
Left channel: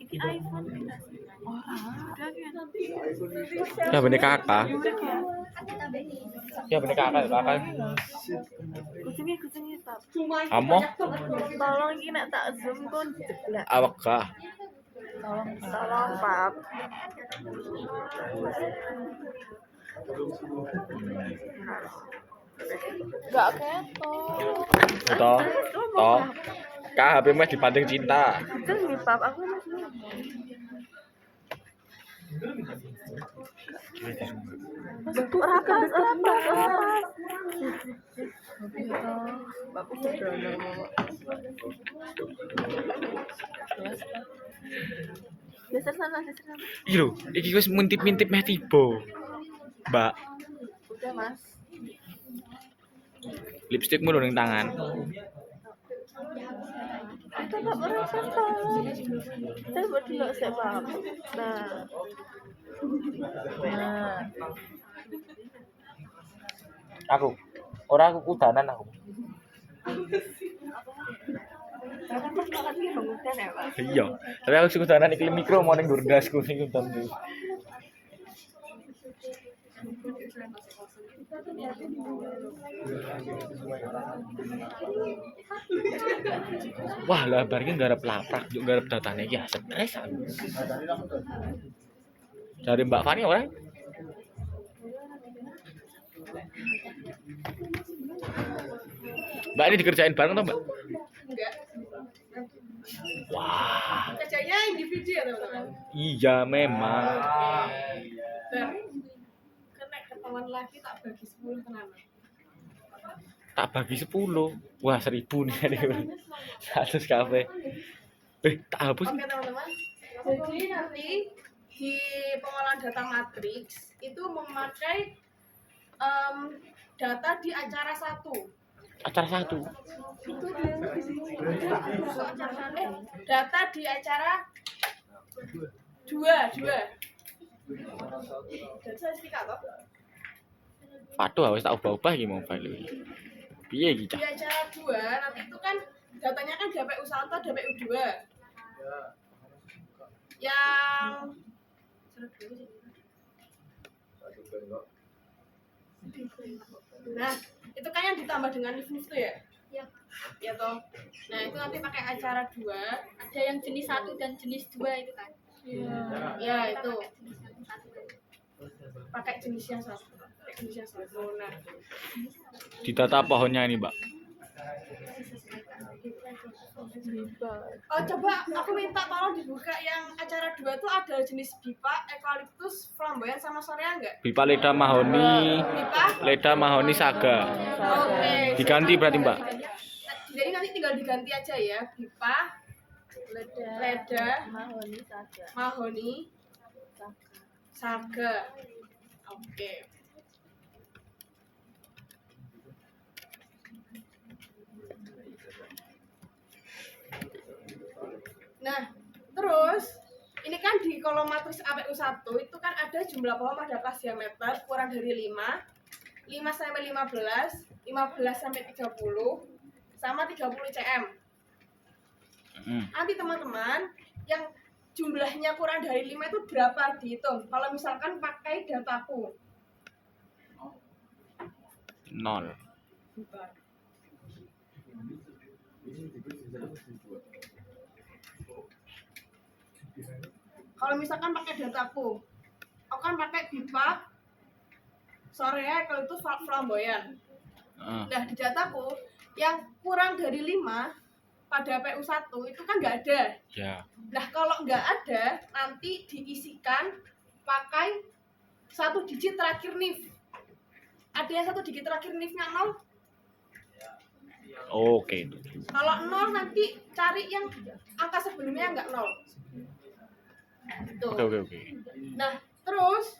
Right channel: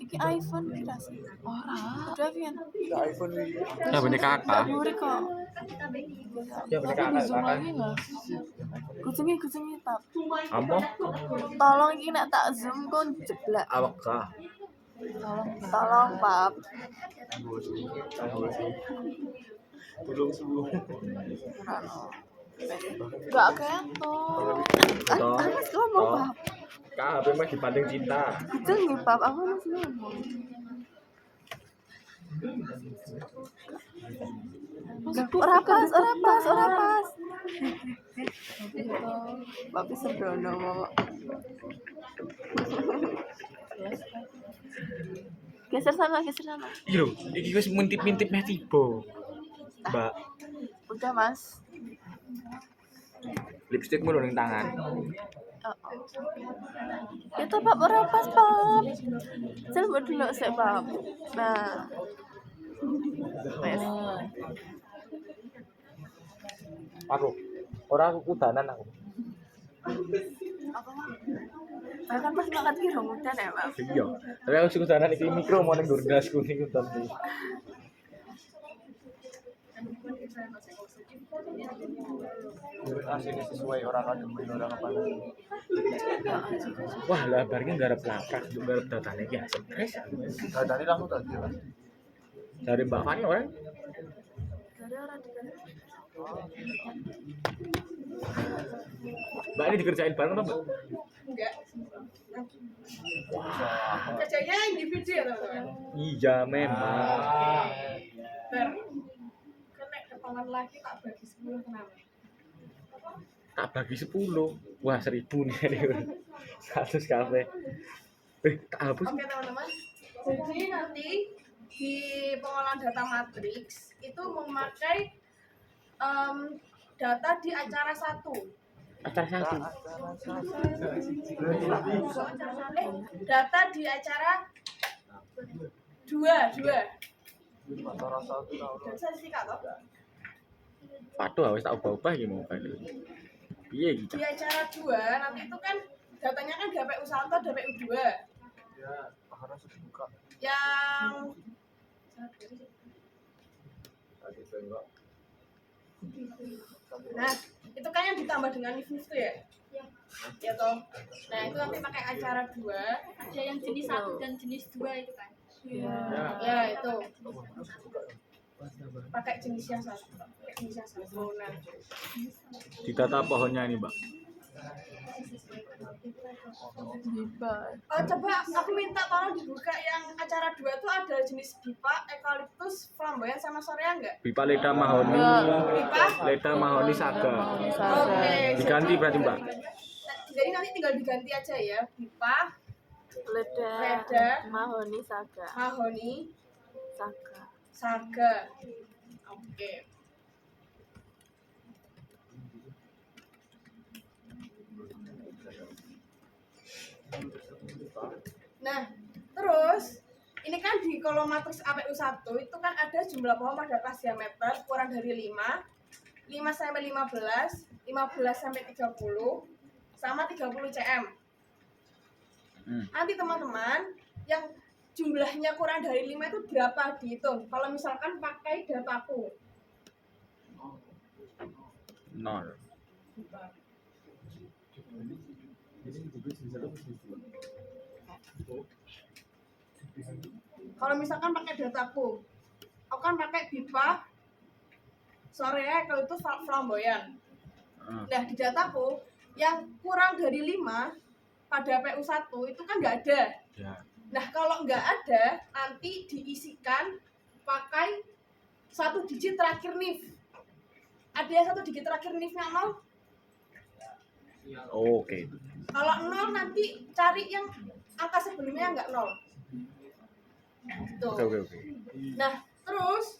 Iki iPhone kita sih. Ora. Udah kan. iPhone Ya bener kakak. Yuri kok. Ya bener kakak. Kucingnya tap. Amo Tolong iki nek tak zoom kon jeblak. awak kah? Tolong pap. belum sembuh. Gak ketok. Toh. Toh. Kak HP mah dibanding cinta. Itu nih pap aku masih ngomong. Rapas. Tapi sembrono kok. Geser sana. Iki lho, iki wis mintip-mintip meh tiba. Mbak, Udah mas. lipstikmu lho ning tangan. Itu pak rapas pap. Saya buat dulu saya pap. Nah. Aku kudanan aku. Kan pas banget ki udah ya pap. Iya, tapi aku suka kudanan iki mikro mau ning ndasku ning udan iki. Sesuai orang Wah, lah bareng garap laprak, juga garap datane iki stres. tadi langsung tadi. Dari Mbak Fani ora? Mbak ini dikerjain bareng toh, Mbak? Enggak. Kerjanya individu ya teman-teman. Iya, memang. Ber. Kena ketahuan lagi tak bagi 10 kenapa? Tak bagi 10. Wah, 1000 nih. 100 kafe. Tak hapus. Oke teman-teman. Jadi nanti di pengolahan data matriks itu memakai data di acara 1. Acara 1. Data di acara 2. Dan statistika toh? Waduh, wis tak ubah-ubah iki mau balik. Piye iki, Di Cak? acara 2 nanti itu kan datanya kan DPU 1, DPU 2. Yang nah, itu kan yang ditambah dengan NIF tuh ya? Ya. Ya toh. Nah, itu nanti pakai acara 2. Ada yang jenis 1 dan jenis 2 itu kan. Ya, itu. Pakai jenis yang satu. Nah, Di data pohonnya ini, Mbak. Bebas. oh coba aku minta tolong dibuka yang acara 2 tuh ada jenis bipa, eukaliptus, flamboyan sama sorea enggak? Bipa Leda Mahoni, Bipa? Leda Mahoni Saga. Oke. Diganti berarti, Mbak. Jadi nanti tinggal diganti aja ya. Bipa, Leda. Mahoni saga. mahoni, Saga. saga. Oke. Nah, terus ini kan di kolom matriks APU 1 itu kan ada jumlah pohon pada kelas diameter kurang dari 5 sampai 15, 15 sampai 30, sama 30 cm. Nanti teman-teman yang jumlahnya kurang dari 5 itu berapa dihitung? Kalau misalkan pakai dataku. 0. Kalau misalkan pakai dataku, aku kan pakai bipa, sorea, kalau itu flamboyan. Nah, di dataku yang kurang dari 5 pada PU 1 itu kan nggak ada. Ya. Nah, kalau nggak ada, nanti diisikan pakai 1 digit terakhir NIF. Ada yang 1 digit terakhir NIF-nya 0? Oke. Kalau 0 nanti cari yang angka sebelumnya nggak 0. Tuh. Oke. Nah, terus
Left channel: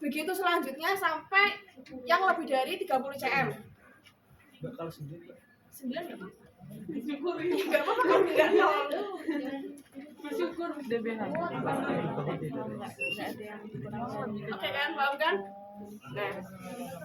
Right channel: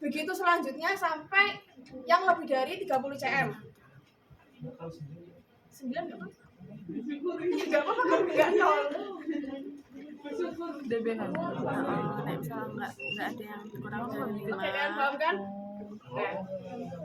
begitu selanjutnya sampai yang lebih dari 30 cm. 9 nggak apa-apa? Nggak apa-apa kan nggak 0. DBH. Nggak ada yang kurang dari Oke kan, paham kan? Nah,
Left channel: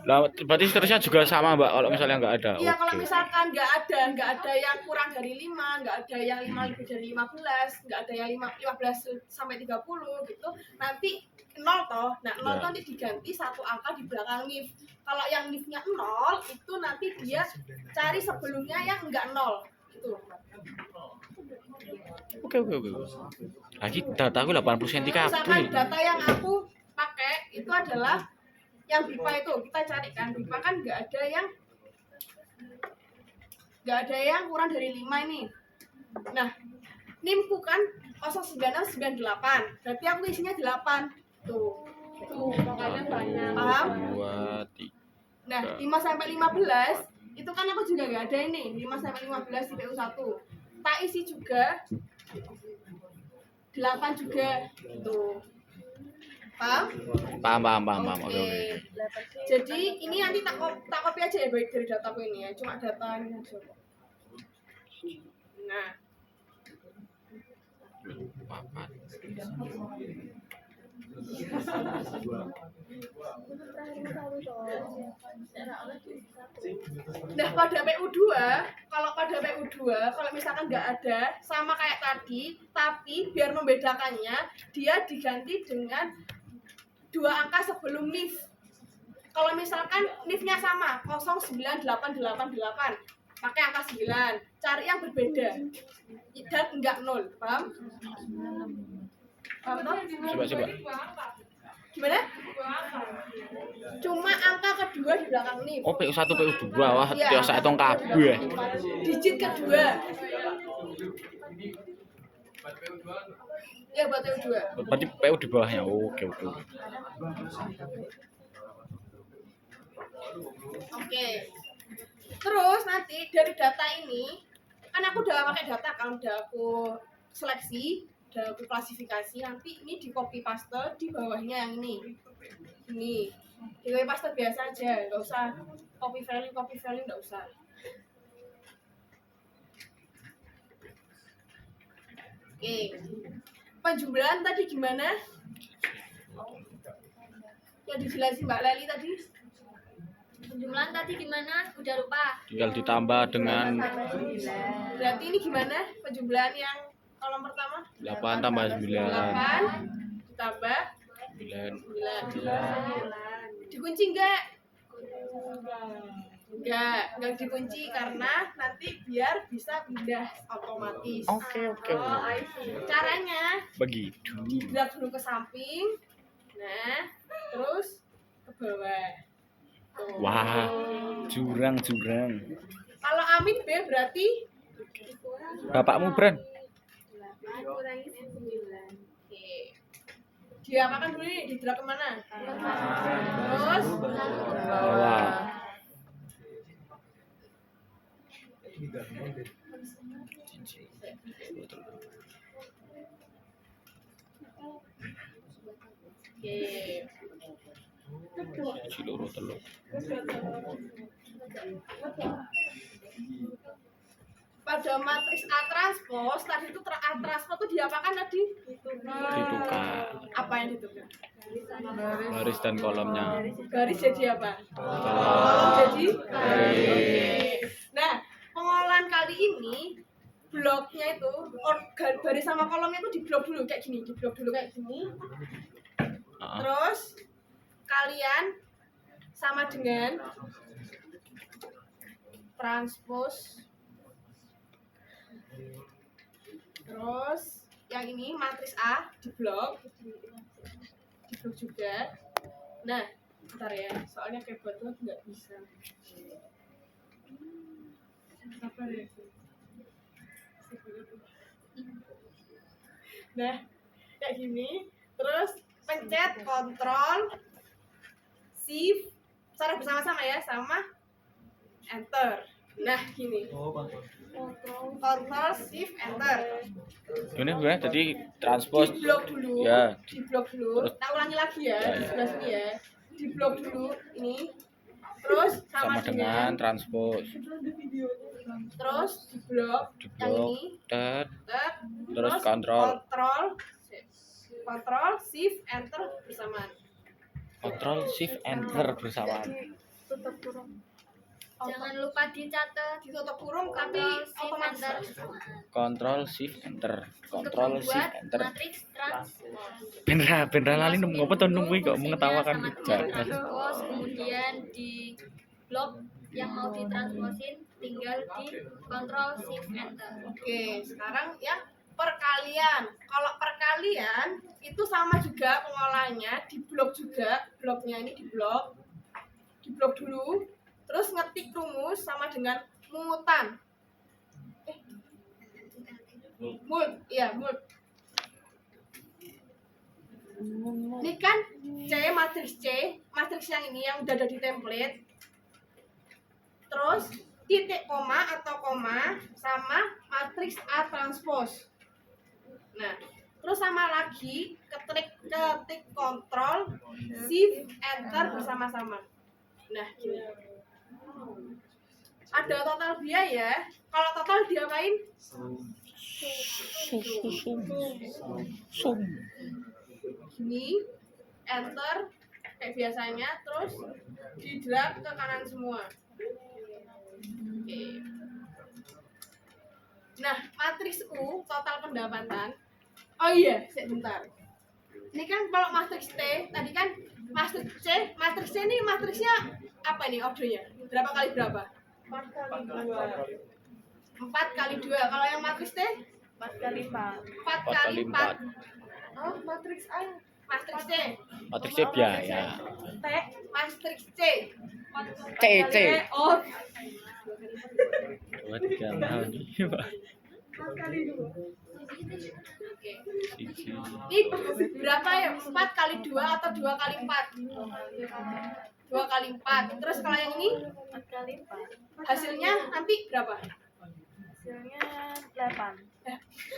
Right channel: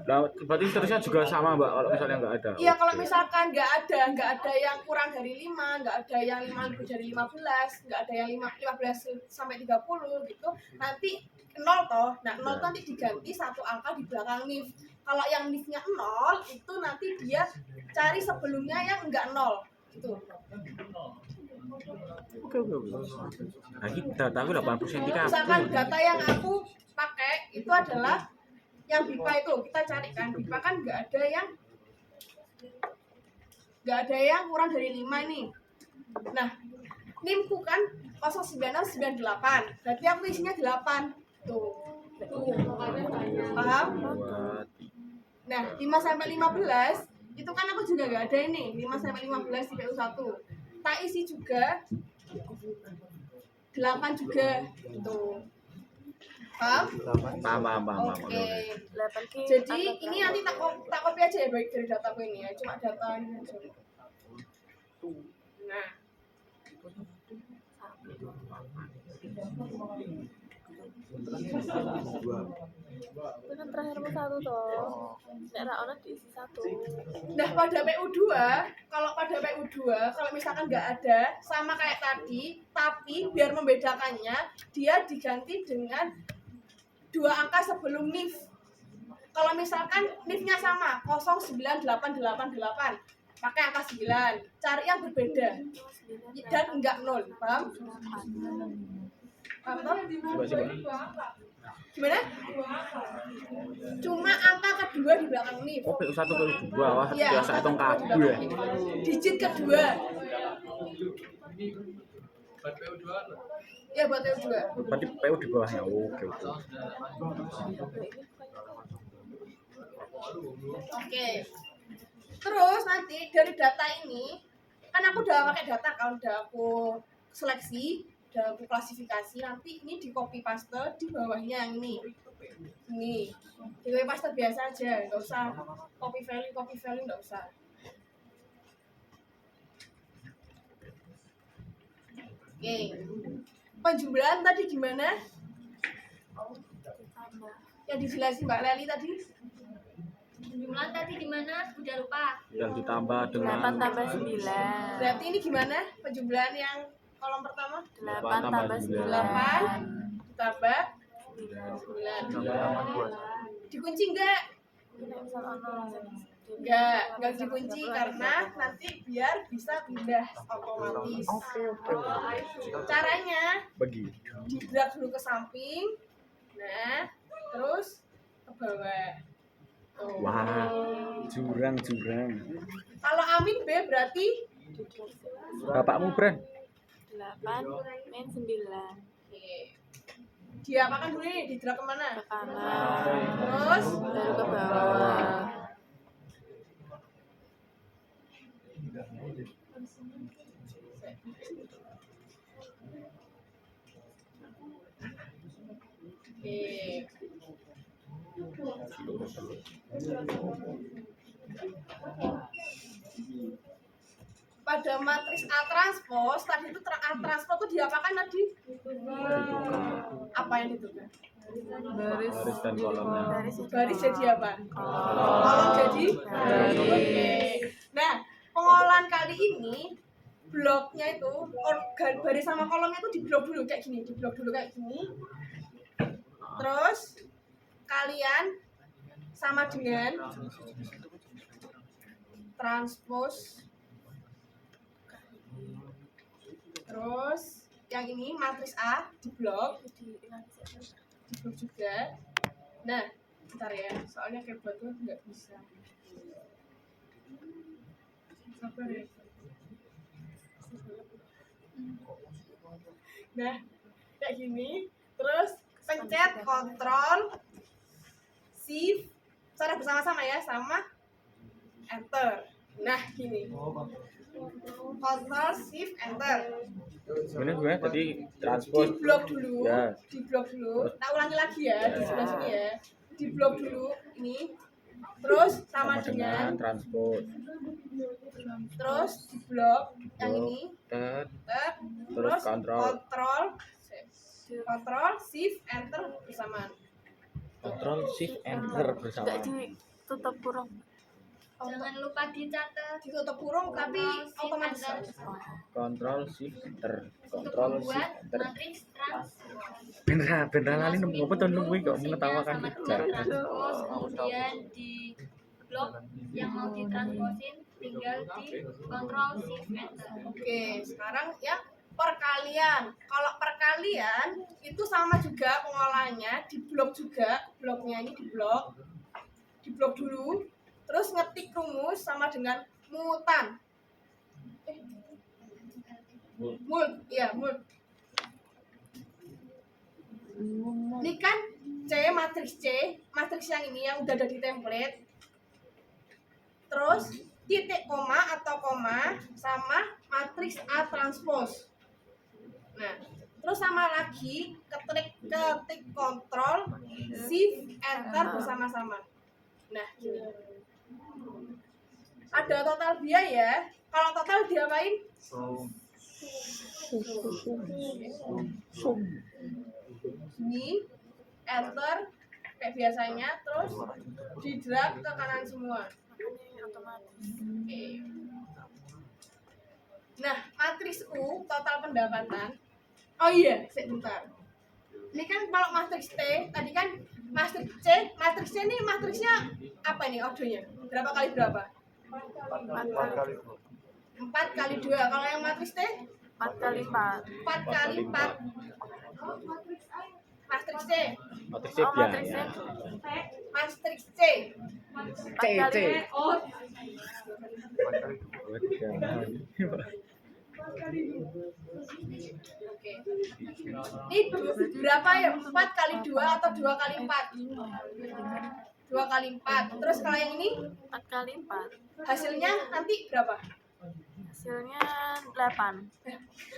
Lah berarti seterusnya juga sama Mbak kalau misalnya nggak ada. iya kalau Oke. misalkan nggak ada yang kurang dari 5, nggak ada yang 5 lebih dari 15, nggak ada yang 15 sampai 30 gitu, nanti 0 toh. Nah, 0 nanti diganti satu angka di belakang NIF. Kalau yang NIF-nya 0 itu nanti dia cari sebelumnya yang enggak 0 gitu. Oke. Lagi dataku 80 cm Misalkan kabel. data yang aku pakai itu adalah yang BIPA itu, kita cari kan BIPA kan nggak ada yang kurang dari 5 ini. Nah, NIM-ku kan 09698, berarti aku isinya 8 tuh makanya banyak, paham? 2, 3. Nah, 5 sampai 15 itu kan aku juga nggak ada ini, 5 sampai 15 di PU1 tak isi juga 8 juga tuh, paham? Paham. Oke. Jadi ini nanti tak copy aja ya baik dari dataku ini ya, cuma data ini aja kok. Nah, Kan terakhir satu toh. Nek ora diisi satu. nah pada PU2 kalau misalkan nggak ada sama kayak tadi, tapi biar membedakannya dia diganti dengan 2 angka sebelum NIF. Kalau misalkan NIF-nya sama 09888 pakai angka 9, cari yang berbeda dan enggak 0, paham? Paham toh? Coba. Gimana? Cuma angka kedua di belakang NIF. Oh, PU1 PU2. Wah, Iya, biasa hitung kabeh ya. digit kedua. Ya buat PU2. Berarti PU di bawahnya. Oke. Oke. Terus nanti dari data ini kan aku udah pakai data kan, udah aku seleksi, udah aku klasifikasi, nanti ini di copy paste di bawahnya yang ini. Ini di copy paste biasa aja, nggak usah copy value nggak usah. Oke. Penjumlahan tadi gimana? Ya dijelasin Mbak Leli tadi. Penjumlahan tadi gimana? Udah lupa. Tinggal ditambah dengan 8 tambah 9. Berarti ini gimana penjumlahan yang kolom pertama? 8 tambah 9. 8 ditambah 9. 9. Dikunci enggak? Enggak dikunci karena nanti biar bisa pindah otomatis. Oke. Caranya Begitu. di drag dulu ke samping. Nah, terus ke bawah. Tuh. Wah, jurang. Kalau Amin B berarti Bapakmu brand. 8 min 9. oke. Diapakan dulu nih? Di drag kemana? Terus ke bawah. Oke. Ciluru telur. Pada matris A transpose tadi itu A transpose itu diapakan tadi? Ditukar. Apa yang ditukar? Baris dan kolomnya. Baris jadi apa? Kolom jadi baris. Oke. Nah, pengolahan kali ini bloknya itu baris sama kolomnya itu diblok dulu kayak gini, Terus kalian sama dengan transpose. Terus yang ini matris A diblok juga. Nah, bentar ya, soalnya keyboard tuh nggak bisa. Sabar ya. Nah, kayak gini. Terus pencet Ctrl Shift secara bersama-sama ya, sama Enter. Nah, gini. Ctrl Shift Enter. Ini gue tadi transpose. Diblok dulu. Ya. Diblok dulu. Tak ulangi lagi ya di sebelah sini ya. Diblok dulu ini. Terus sama dengan transpose. terus di blok yang Diblok. ini, Tet, tet, terus kontrol kontrol shift enter bersamaan. shift enter Enggak bersamaan. ditutup kurung. Jangan lupa dicatat. Ditutup kurung tapi Control, Shift, otomatis Enter. Kontrol shift enter. Untuk Kontrol membuat shift enter. matriks transpose. Bener lali nemu apa tuh nungguin kok Fungsinya mengetawakan sama kerja. dengan transpose, kemudian di blok yang mau ditransposin tinggal di kontrol shift enter. Oke, sekarang ya perkalian. Kalau perkalian itu sama juga pengolahannya, di blok juga, bloknya ini di blok dulu, terus ngetik rumus sama dengan mutan. Mult. Ini kan matriks yang ini yang udah ada di template. Terus titik koma atau koma sama matriks A transpose. Nah, terus sama lagi ketik kontrol shift enter bersama-sama. Nah, gini. Ada total biaya. Kalau total diapain? Sum. Gini, enter kayak biasanya, terus di drag ke kanan semua. Oke. Nah, matriks U total pendapatan. Oh iya, sebentar. Ini kan kalau matriks T, tadi kan matriks C ini matriksnya apa ini ordernya? Berapa kali berapa? 4 kali 2. Kalau yang matriks T? 4 kali 4. 4 kali 4. Oh, matriks A. Matriks C. Matriksnya biaya. T. Matriks C. C. Oh, Dua tiga enam. 4 kali 2. Oke. Siji. Ini berapa ya? 4 kali 2 atau 2 kali 4? 2 kali 4. Terus kalau yang ini 4 kali 4. hasilnya nanti berapa? Hasilnya 8.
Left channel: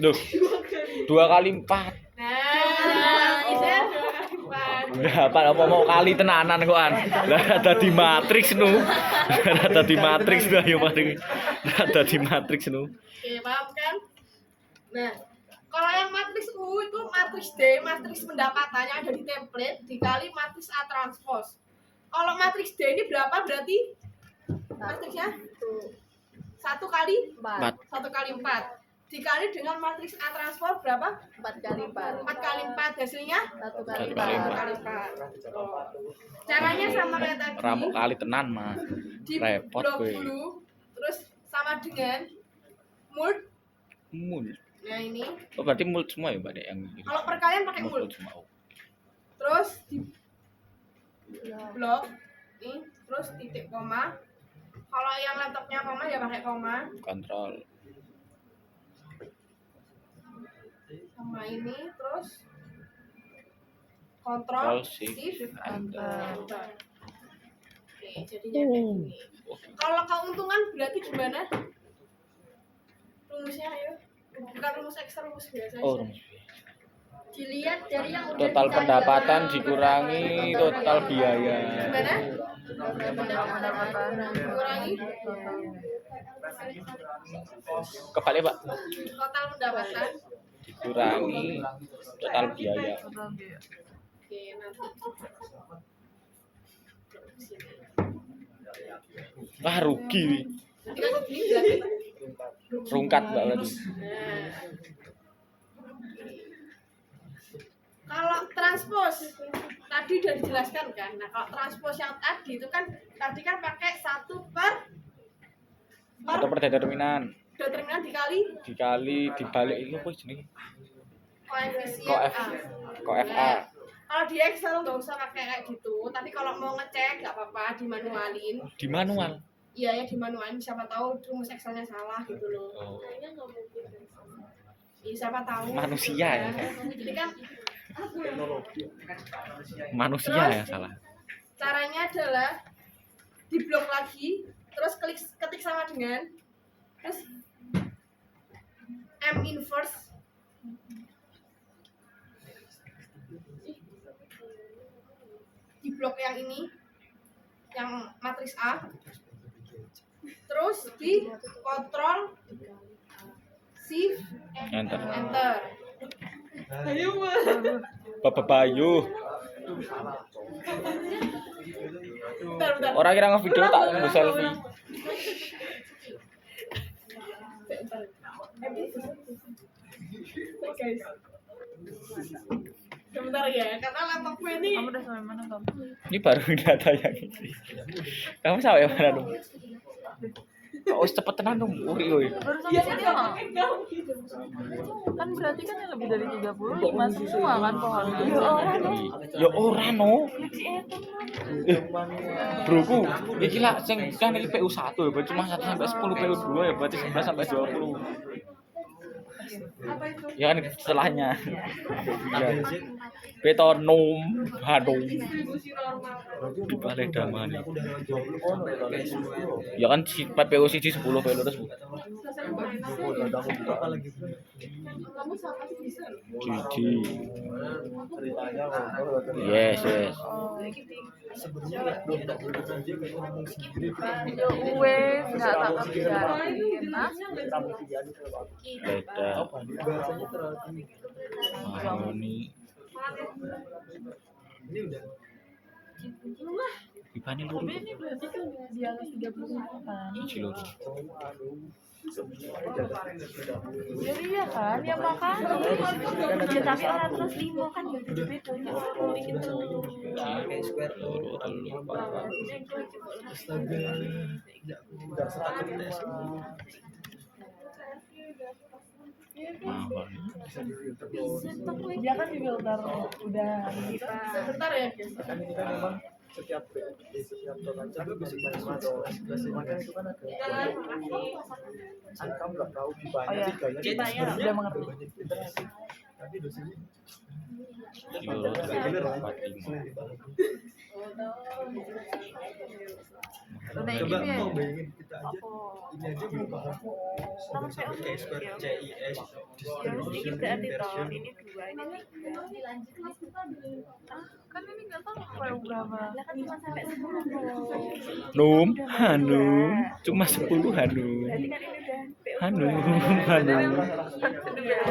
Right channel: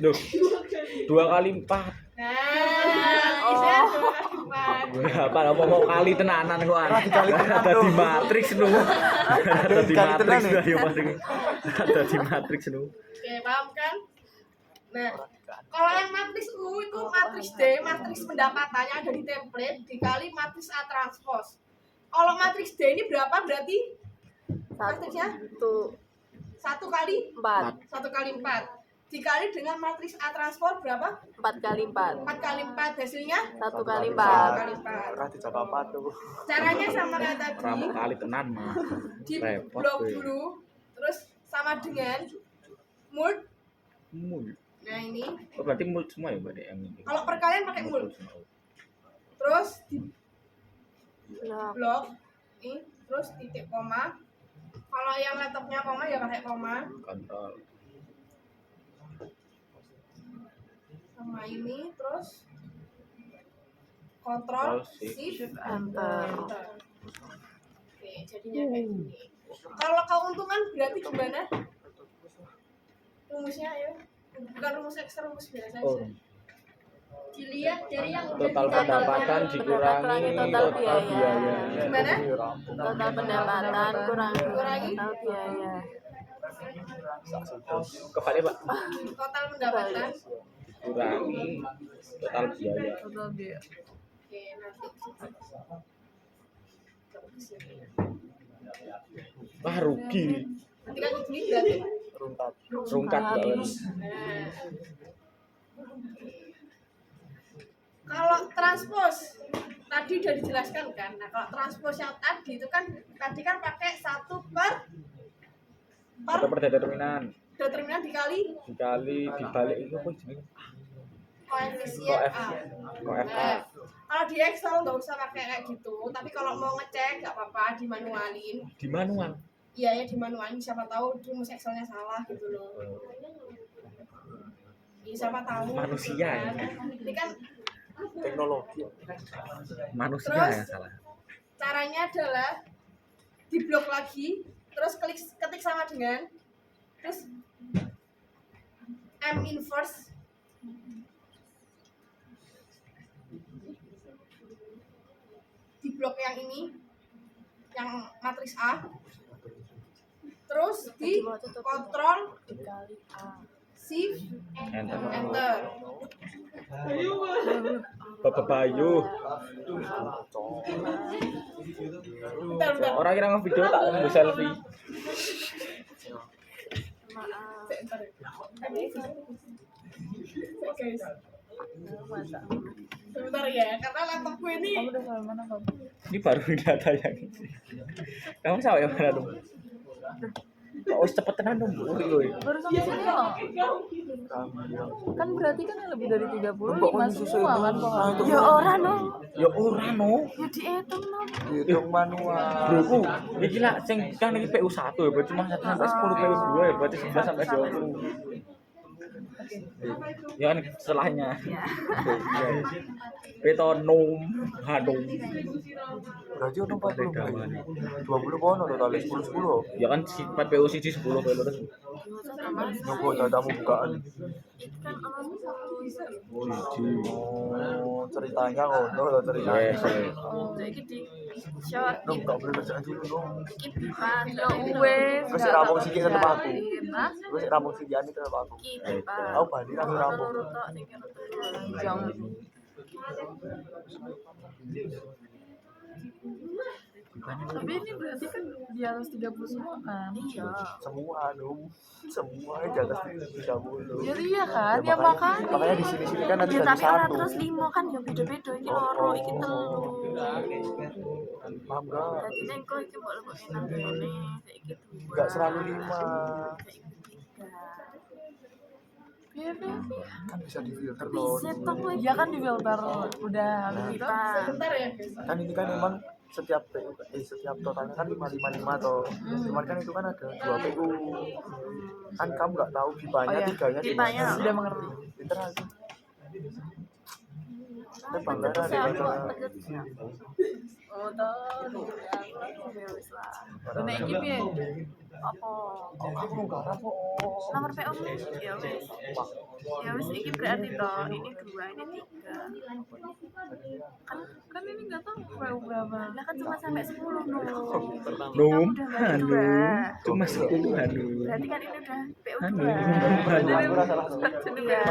Duh. 2 kali 4. Nah, ini 2 kali 4. Berapa apa mau kali tenanan kok an. Lah ada di matriks nu. Ada di matriks gua yo matriks. Ada di matriks nu. Oke, paham kan? Nah, kalau yang matriks U itu matriks D, matriks pendapatan yang ada di template dikali matriks A transpose. Kalau matriks D ini berapa berarti? Matriksnya? 1 kali 4. 1 kali 4 dikali dengan matriks A transpose berapa? 4 kali 4. 4 kali 4 hasilnya 1 kali 1 4. kali 4. Caranya sama kayak tadi. Ramu kali tenan mah. Di Repot blok gue. dulu, terus sama dengan mult. Mul. Nah ini, Oh berarti mul semua ya Mbak Dek yang ini. kalau perkalian pakai mult. semua. Terus di Nah, blok ini, terus titik koma. Kalau yang laptopnya koma ya pakai koma. Kontrol. Sama ini, terus kontrol Kontrol, shift, shift enter. enter. Oke, jadinya kayak gini. Kalau keuntungan berarti gimana? Rumusnya ayo. Bukan rumus Excel, rumus biasa Oh. aja. Dilihat dari yang udah Total dicari. pendapatan dikurangi total biaya. Gimana? total pendapatan Kurangi total biaya. Kebalik Pak. total pendapatan. Dikurangi total biaya. Total biaya. Oke, nanti. Wah rugi. Nanti kan begini berarti. Rungkat banget. Nah. Kalau transpose tadi udah dijelaskan kan. Nah, kalau transpose yang tadi itu kan tadi kan pakai 1 per Ada perdeterminan determinan dikali dibalik ini apa jenenge? koefisien A. Koef A. Nah, kalau di Excel nggak usah pakai kayak gitu, tapi kalau mau ngecek nggak apa-apa dimanualin. Di manual. Iya ya dimanualin, siapa tahu rumus Excelnya salah gitu loh. Oh. Iya, siapa tahu. Manusia kan. Ini kan Manusia Terus? yang salah. caranya adalah diblok lagi, terus ketik sama dengan terus M inverse di blok yang ini, yang matriks A, terus di kontrol Dikali A. shift Enter. enter. Bapak Bayu. Bentar. Orang kira ngevideo tak ngambil selfie. Bentar. Guys. Sebentar ya, karena laptopku ini Kamu udah sampai mana kamu? Ini baru data yang ini. Kamu sampai mana dong? Kok cepet tenan dong, uri. Baru sampai sini loh. Kan berarti kan yang lebih dari 35 semua kan pohon. Ya ora no. Hitung manual. Broku, iki lah sing kan iki PU1 ya, berarti cuma 1 sampai 10, PU2 ya berarti 11 sampai 20. Ya kan setelahnya. Betonom, hadong. Berarti untuk Balik daman. 20 kono ya kali 10. Ya kan si 4 PU siji 10 PU terus. Nopo datamu bukaan. Jiji. Oh, ceritanya ngono lho ceritanya. Yes, yes. Enggak boleh berjanji ngono. Ya wes Wis enggak rampung tak siki kan aku. Hah? Wis rampung siki ani kan aku. Beda. Tahu banding kan rampung. Ini. Bibane loro. Tapi ini berarti kan di atas 30 semua kan? Semua dong. Semua di atas 30. Ya iya kan, ya makanya. Makanya di sini kan ada Tapi orang satu. terus 5 kan ya beda-beda iki loro iki telu. Loro telu. Dadi nek kowe iki mbok lebokne Enggak 105. Iya Kan bisa di filter loh. Set to kowe ya kan di filter udah pipa. sebentar ya guys. Kan ini kan memang setiap totalnya kan 555 atau cuman kan itu kan ada 20 kan kamu nggak tahu pipanya Oh, iya. tiganya di Pipanya. mana. udah mengerti. Pinter aja. Tapi bangga kan ada Oh toh. Ya wis lah. Udah ini ya. Apa? Nomor PO ya wis. Ya wis iki berarti toh ini 2 ini 3. Kan ini nggak tahu PU berapa. Lah kan cuma sampai 10 bro. Num, hanum, cuma 10 hanum. Berarti kan ini udah PO Hanum, 2. hanum. Iya.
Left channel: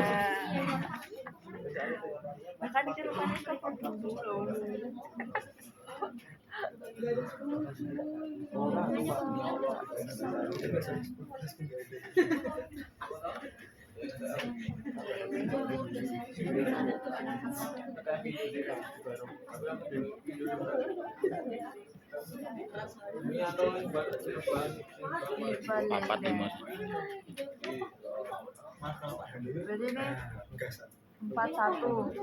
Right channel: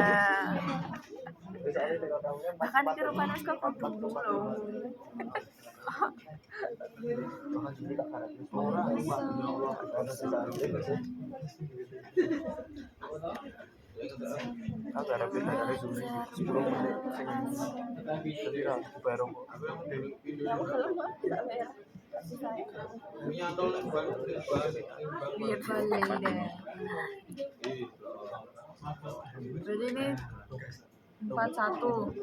Bahkan itu rupanya ke dulu loh. orang ya Allah Empat lima. Jadi ini 41.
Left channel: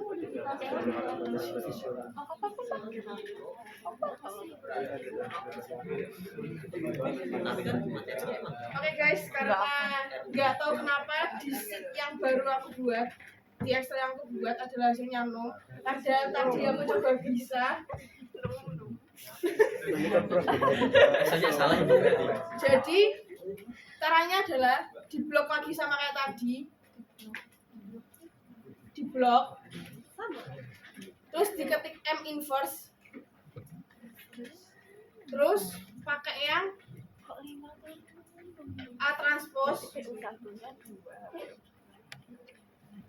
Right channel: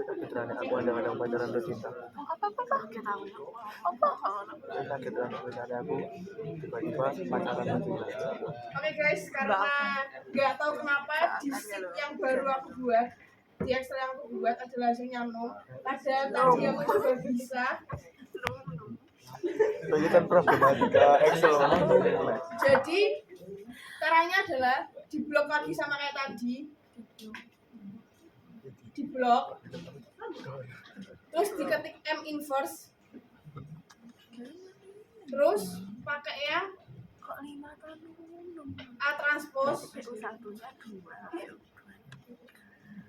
Oke guys, karena nggak tahu kenapa di sheet yang baru aku buat, di Excel yang aku buat adalah hasilnya 0. Padahal tadi aku coba bisa. ini kan problematika Excel. Jadi caranya adalah diblok lagi sama kayak tadi. Diblok. Terus diketik M inverse. Terus pakai yang Kok 5 tahun? A transpose. PO satunya 2.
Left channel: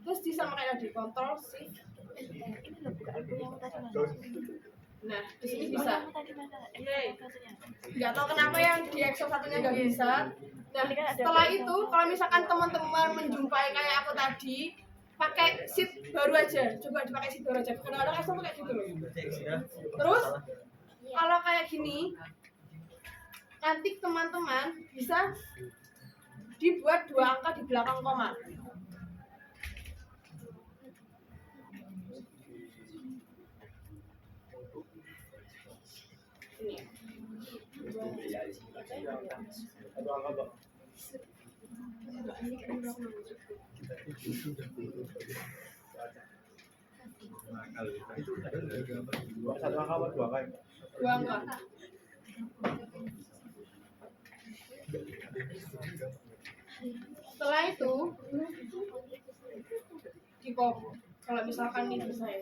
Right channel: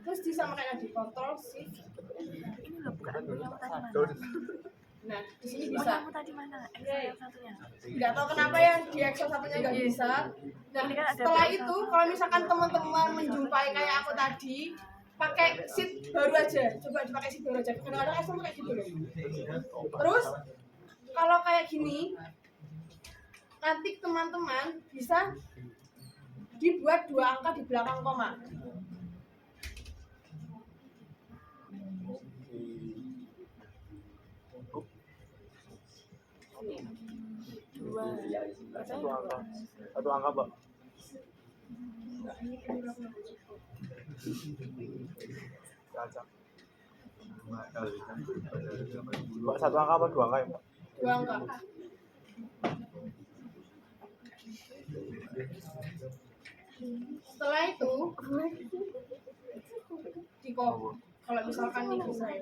Terus disamakan di kontrol shift. Ini loh bukan yang tadi mana? Nah, di sini bisa. Yang tadi mana? Yang satunya. Nggak tahu kenapa yang di Excel satunya nggak bisa. Nah, setelah itu kalau misalkan teman-teman menjumpai kayak aku tadi, pakai sheet baru aja. Coba dipakai sheet baru aja. Kadang-kadang Excel tuh kayak gitu loh. Terus kalau kayak gini, nanti teman-teman bisa dibuat 2 angka di belakang koma. Satu angka, Pak. Satu angka apa 2 angka ya, Pak? 2 angka. Setelah itu di kalau misalkan nih bisa ya.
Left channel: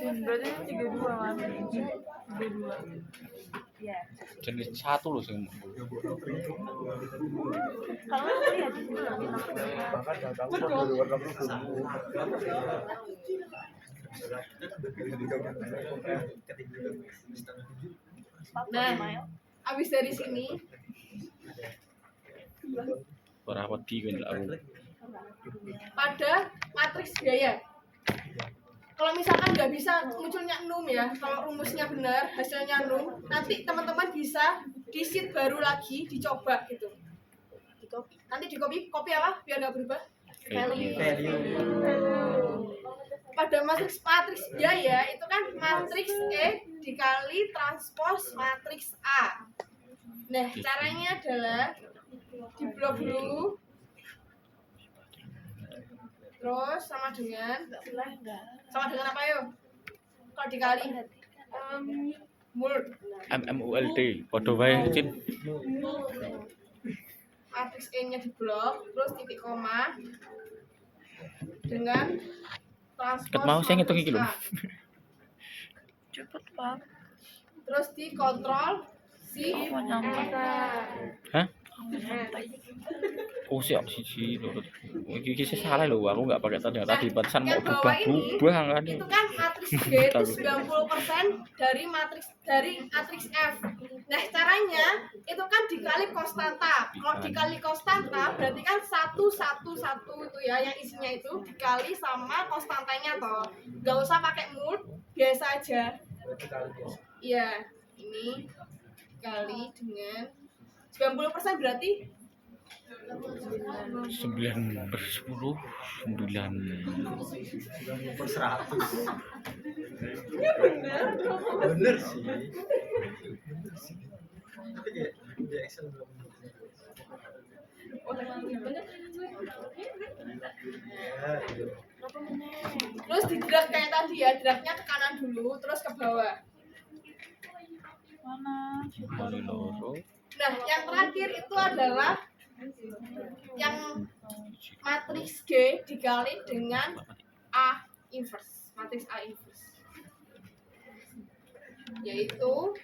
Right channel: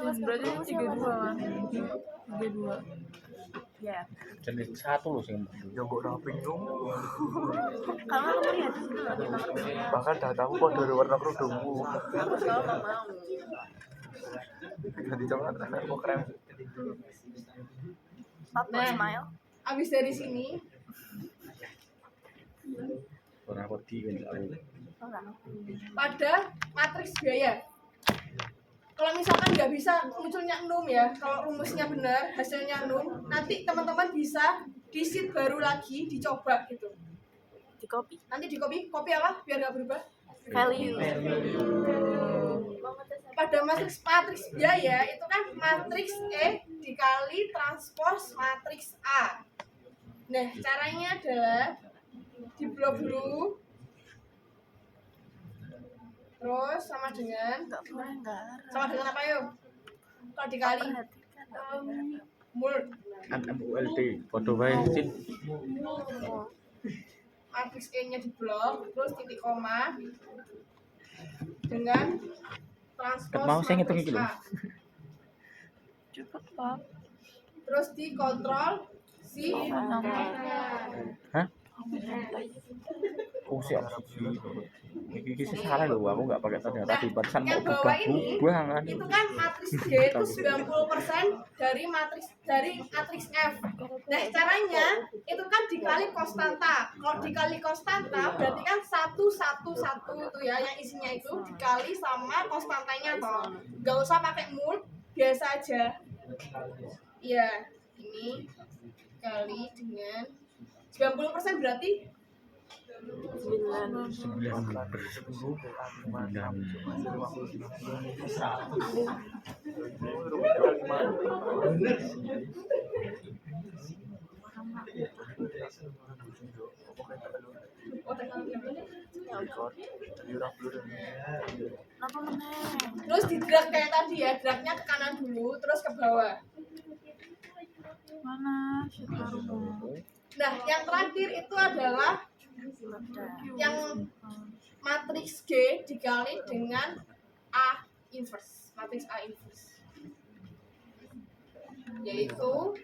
Berarti ini 32 kan? 32. Ya. Jenis 1 loh sing. Yang kok rapi dong. Kalau tadi ya di sini kami masuk. Bahkan dah tahu kok dari warna kerudungku. Kalau nggak mau. Jadi coba enak kok keren. Satu Nah. smile. Abis dari sini Ora wedi kan aku. pada matriks biaya. Kalau misalkan nggak bisa munculnya num ya, kalau rumusnya benar, hasilnya num, nanti teman-teman bisa di sheet baru lagi dicoba gitu. Di copy. Nanti di copy apa biar nggak berubah. Value. Pada matriks biaya itu kan matriks E dikali transpos matriks A. Nah, caranya adalah diblok dulu. Terus sama dengan apa yuk? Kalau dikali mul MMULT padha wae Cip. matriks E-nya diblok, terus titik koma dengan transpos Ket mau saya ngitung iki lho. matriks A. Cepet, Pak. Terus dikontrol si Aku mau nyantai. Hah? Aku mau nyantai. Oh siap siji lho. Iki salah lho, aku enggak pakai tadi pantesan mau yang bawah ini berubah kan. itu kan matriks G itu 90% dari matriks F. Nah, caranya itu kan dikali konstanta. Kalau dikali konstanta berarti kan 1 itu ya yang isinya itu dikali sama konstantanya toh. Gak usah pakai mul, biasa aja. Iya, ini kali dengan 90% berarti 9/10 9. Bener sih. Kenapa meneng? terus di drag kayak tadi ya, dragnya ke kanan dulu terus ke bawah. Mana? Sheet baru. Nah, yang terakhir itu adalah yang matriks G dikali dengan A inverse, matriks A inverse. Yaitu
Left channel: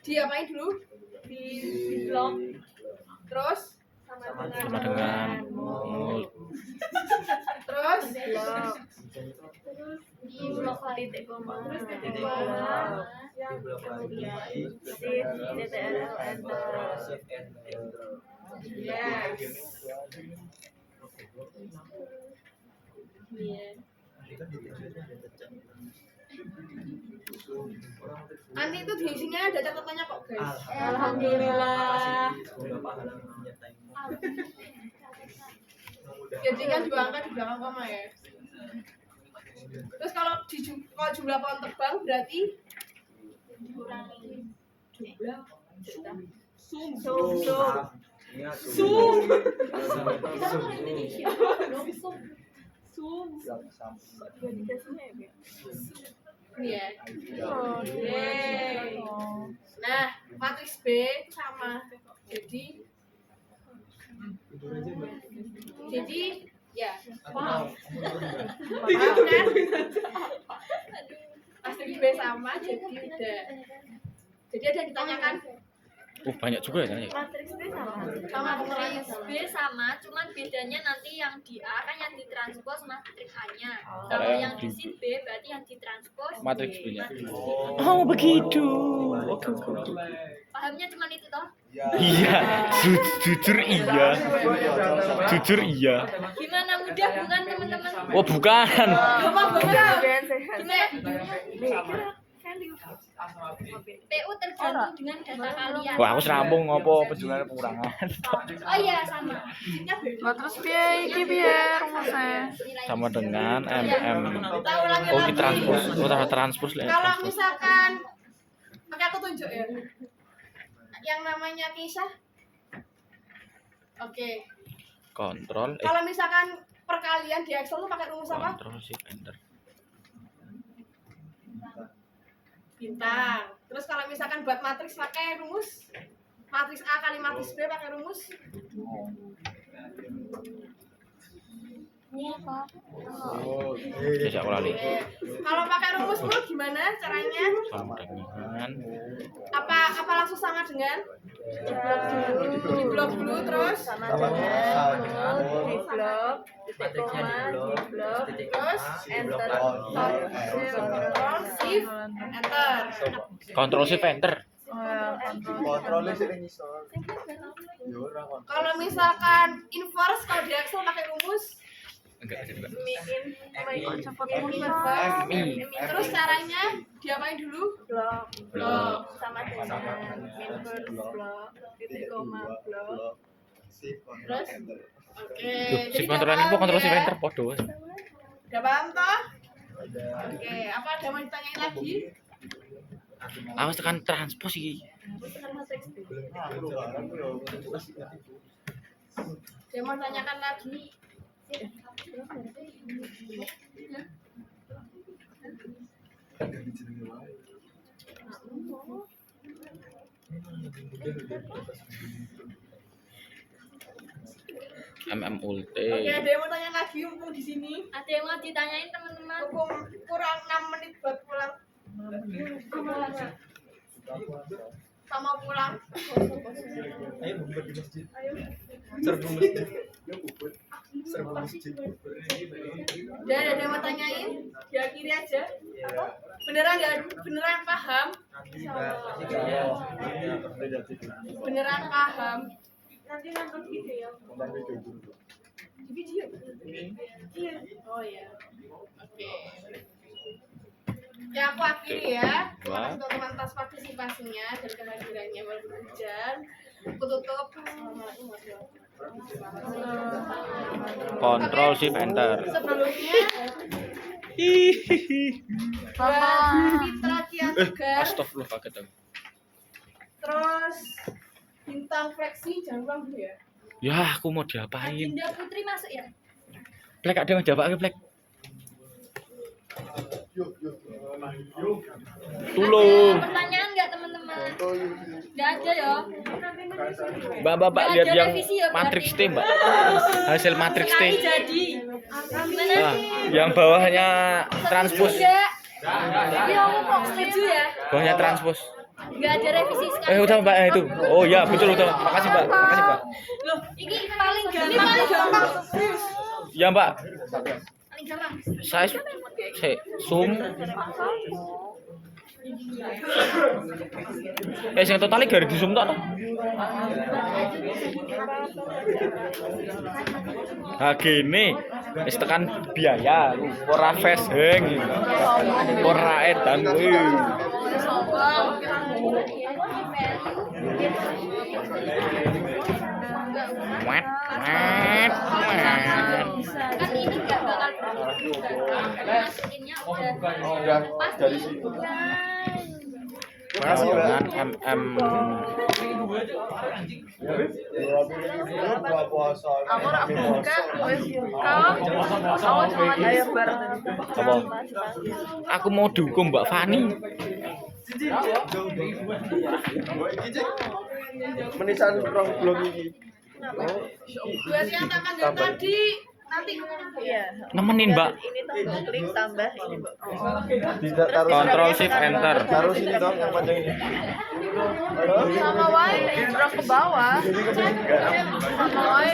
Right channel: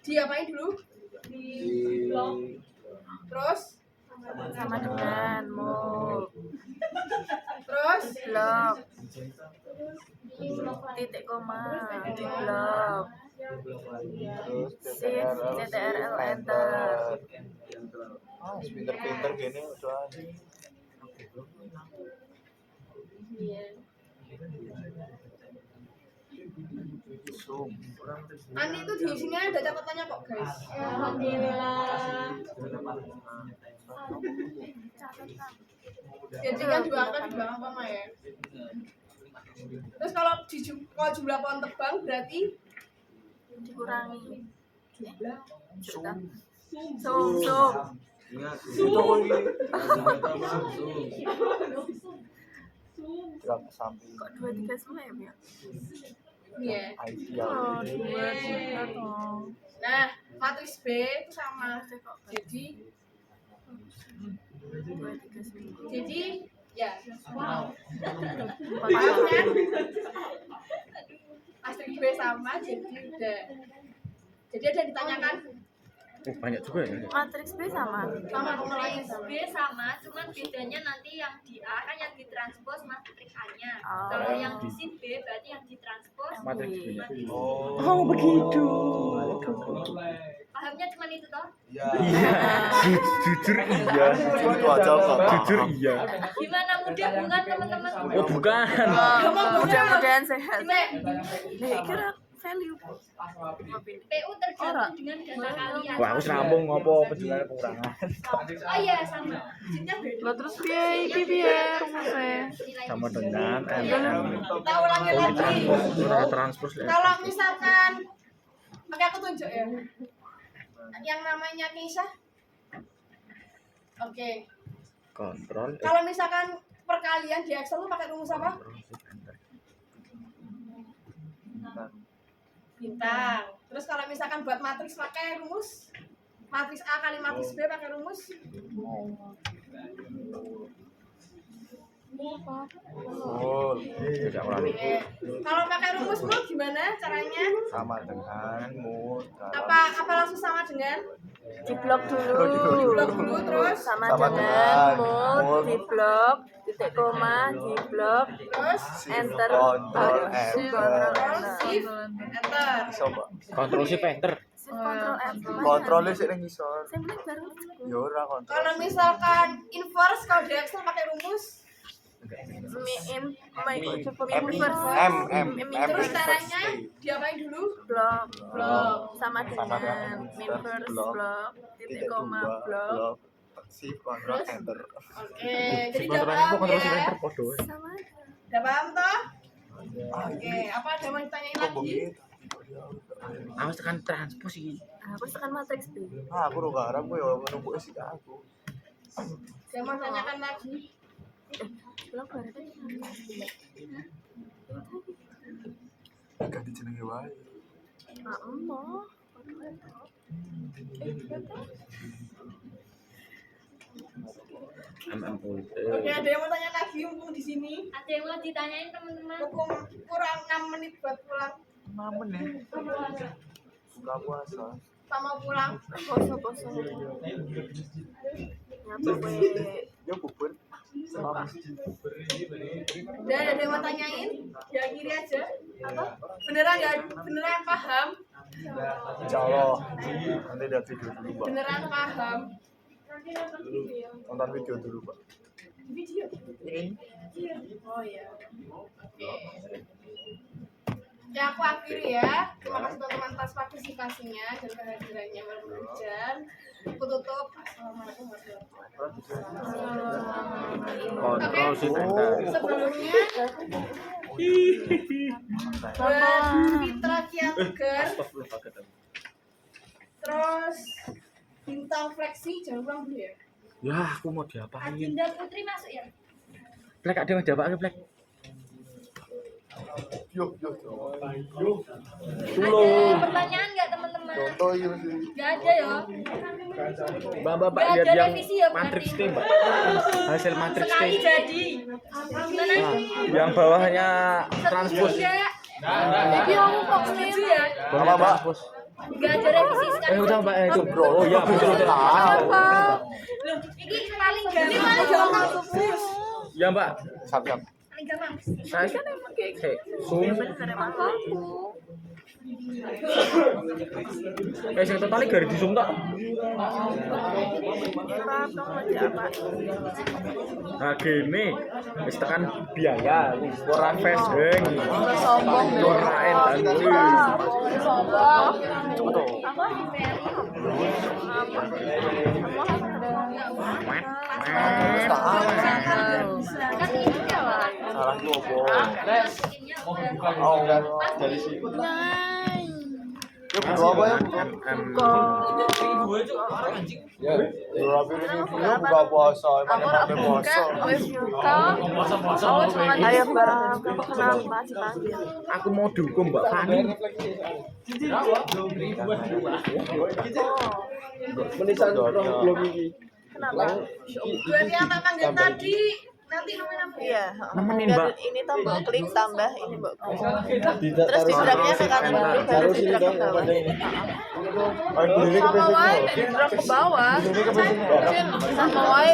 diapain dulu? Di blok. Terus Sama dengan mul. terus Blok. Di blok lagi. Titik koma. Terus titik Blok. koma. Shift. CTRL enter. Iya. Nanti itu di sini ada catatannya kok guys. Alhamdulillah. Jadi yang diangkat di belakang koma ya. Terus kalau jumlah pohon tebang berarti Dikurangi. jumlah Samping. Kok 2, 3 semua ya, Bia? ini ya. Oke. Nah, matriks B itu sama. Jadi ya. Paham kan? Matriks B sama jadi udah. Jadi ada yang ditanyakan Banyak juga ya tanya. Matriks B sama. sama pengurangnya Matriks B sama, cuman bedanya nanti yang di A kan yang ditranspos matriks A-nya. Oh. Kalau yang di sheet B berarti yang ditranspos Matriks B-nya. matriks B. Oh begitu. Pahamnya cuman itu toh? Iya, jujur iya. Jujur iya. Gimana mudah bukan teman-teman? Oh bukan. gampang banget. Jangan sehat. Gimana? Nih, kira value. PU tergantung dengan data kalian. Wah aku serampung ngopo penjualan pengurangan. Oh iya sama. Lah terus piye iki piye rumusnya? Sama dengan MM. Kita ulangi Oh lagi. ini transpos, oh tambah transpos lah. Kalau misalkan oke aku tunjuk ya. Yang namanya Keisha. Oke. Kontrol. Kalau misalkan perkalian di Excel lu pakai rumus apa? Kontrol shift enter. Bintang. Terus kalau misalkan buat matriks pakai rumus matriks A kali matriks B pakai rumus Oh, iya. Jajak lali. Kalau pakai rumus mul gimana caranya? Sama dengan mood. Apa langsung sama dengan? Diblok dulu. Diblok dulu terus Sama dengan mood, diblok, titik koma, diblok, terus enter. Kontrol Ctrl Shift Enter. Kontrol shift enter. Kontrolnya sih yang ngisor. Yo ora kontrol. Kalau misalkan inverse kalau di Excel pakai rumus terus caranya diapain dulu? Blok sama dengan inverse blok, titik koma blok. Shift kontrol enter. Oke, jadi Shift enter udah ini paham kontrol shift ya? enter podo. Udah paham toh? Oke, apa ada mau ditanyain lagi? Aku tekan transpos iki. Aku tekan matriks B. Ah, aku udah harap gue menunggu sih aku. Saya mau tanyakan lagi. Ganti jenenge wae. Ulte. Oke, ada yang mau tanya lagi mumpung di sini? Ada yang mau ditanyain teman-teman? Mumpung kurang 6 menit buat pulang. Mamen ya. Buka puasa. Sama pulang. Ya bubur. Sama masjid. Dan ada yang mau tanyain? Ya kiri aja. Beneran paham? Insyaallah. Nanti lihat video dulu, Pak. Beneran paham? Nanti nonton video. Nonton video dulu, Pak. Video? Iya. Oh iya. Oke. Ya aku akhiri ya. Terima kasih teman-teman atas partisipasinya dan kehadirannya walaupun hujan. Aku tutup. Assalamualaikum warahmatullahi wabarakatuh. Kontrol shift enter. Sebelumnya buat Fitra Kian Tegar, Astagfirullah kaget aku. terus Bintang Fleksi jangan pulang dulu ya. Ya, aku mau diapain? Adinda Putri masuk ya? Plek ada yang diapake, Plek? Yuk. Tulung. Ada pertanyaan nggak teman-teman? Oh iya. Nggak ada ya? Mbak Nggak lihat ada yang revisi ya, berarti? matrix T, Mbak. Hasil matrix T. Sekali jadi. Gimana? Nah, yang bawahnya transpos. Enggak. Iya, aku kok setuju ya. Bawahnya transpos. Nggak ada revisi sekali. Udah Mbak itu. Oh iya, betul. Makasih, Mbak. Makasih, Mbak. Loh, ini paling Ini paling gampang. gampang serius. Ya, Mbak. Paling gampang. Saya zoom. Yang totalnya gari di zoom tok. Nah gini, wis tekan biaya, ora face hang, ora edan kuwi. Kan ini nggak bakal masukinnya udah pas dari sini. Buka puasa. Aku ora buka, wis buka. Aku cuma ayo bar tadi. Aku mau dukung Mbak Fani. Menisan rong blok iki. Buat yang tak panggil tadi nanti nemuin apa ya? Iya. Nemenin Mbak. Ini tombol klik tambah ini, Mbak. Tidak taruh Kontrol shift enter. taruh sini dong yang pada ini. Sama wae drag ke bawah. Sama wae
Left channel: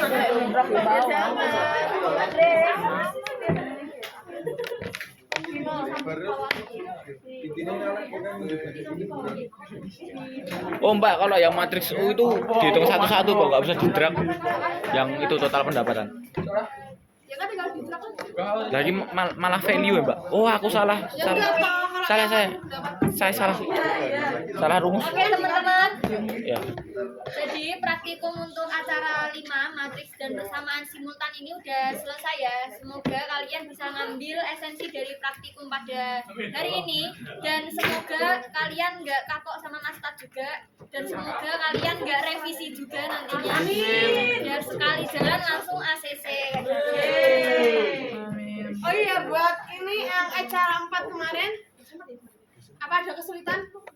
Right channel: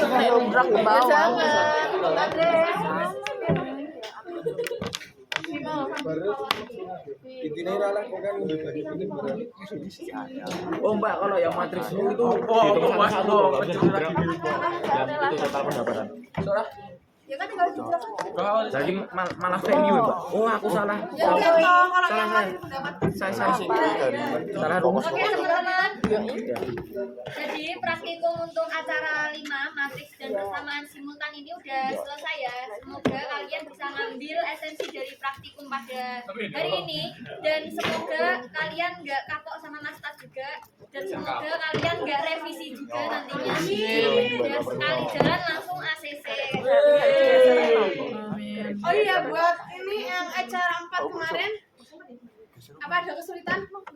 drag ke bawah. Oh Mbak, kalau yang matriks U itu dihitung satu-satu kok, nggak bisa di-drag. Yang itu total pendapatan. Ya kan tinggal di belakang. Jadi malah value ya Mbak. Oh aku salah. Ya enggak toh, kalau Salah saya. dapat Salah rumus. Oke teman-teman. Ya. Jadi praktikum untuk acara 5 matriks dan persamaan simultan ini udah selesai ya. Semoga kalian bisa ngambil esensi dari praktikum pada hari ini dan semoga kalian nggak kapok sama nastar juga dan semoga kalian nggak revisi juga nantinya. Biar sekali jalan langsung ACC. Oh iya buat ini yang acara 4 kemarin Apa ada kesulitan buat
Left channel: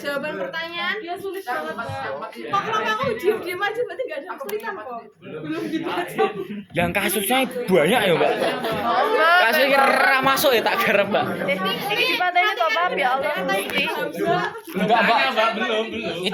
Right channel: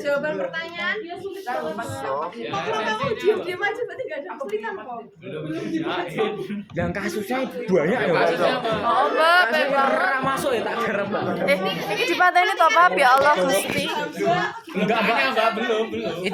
jawaban pertanyaan? Dia sulit banget. Kok kenapa aku diam-diam aja berarti nggak ada kesulitan kok? Yang kasusnya banyak ya, Mbak. Oh, Mbak. Kasusnya ora masuk ya tak garap, Mbak. Iki dipateni to, Pak, ya Allah Gusti. Enggak, Mbak, belum.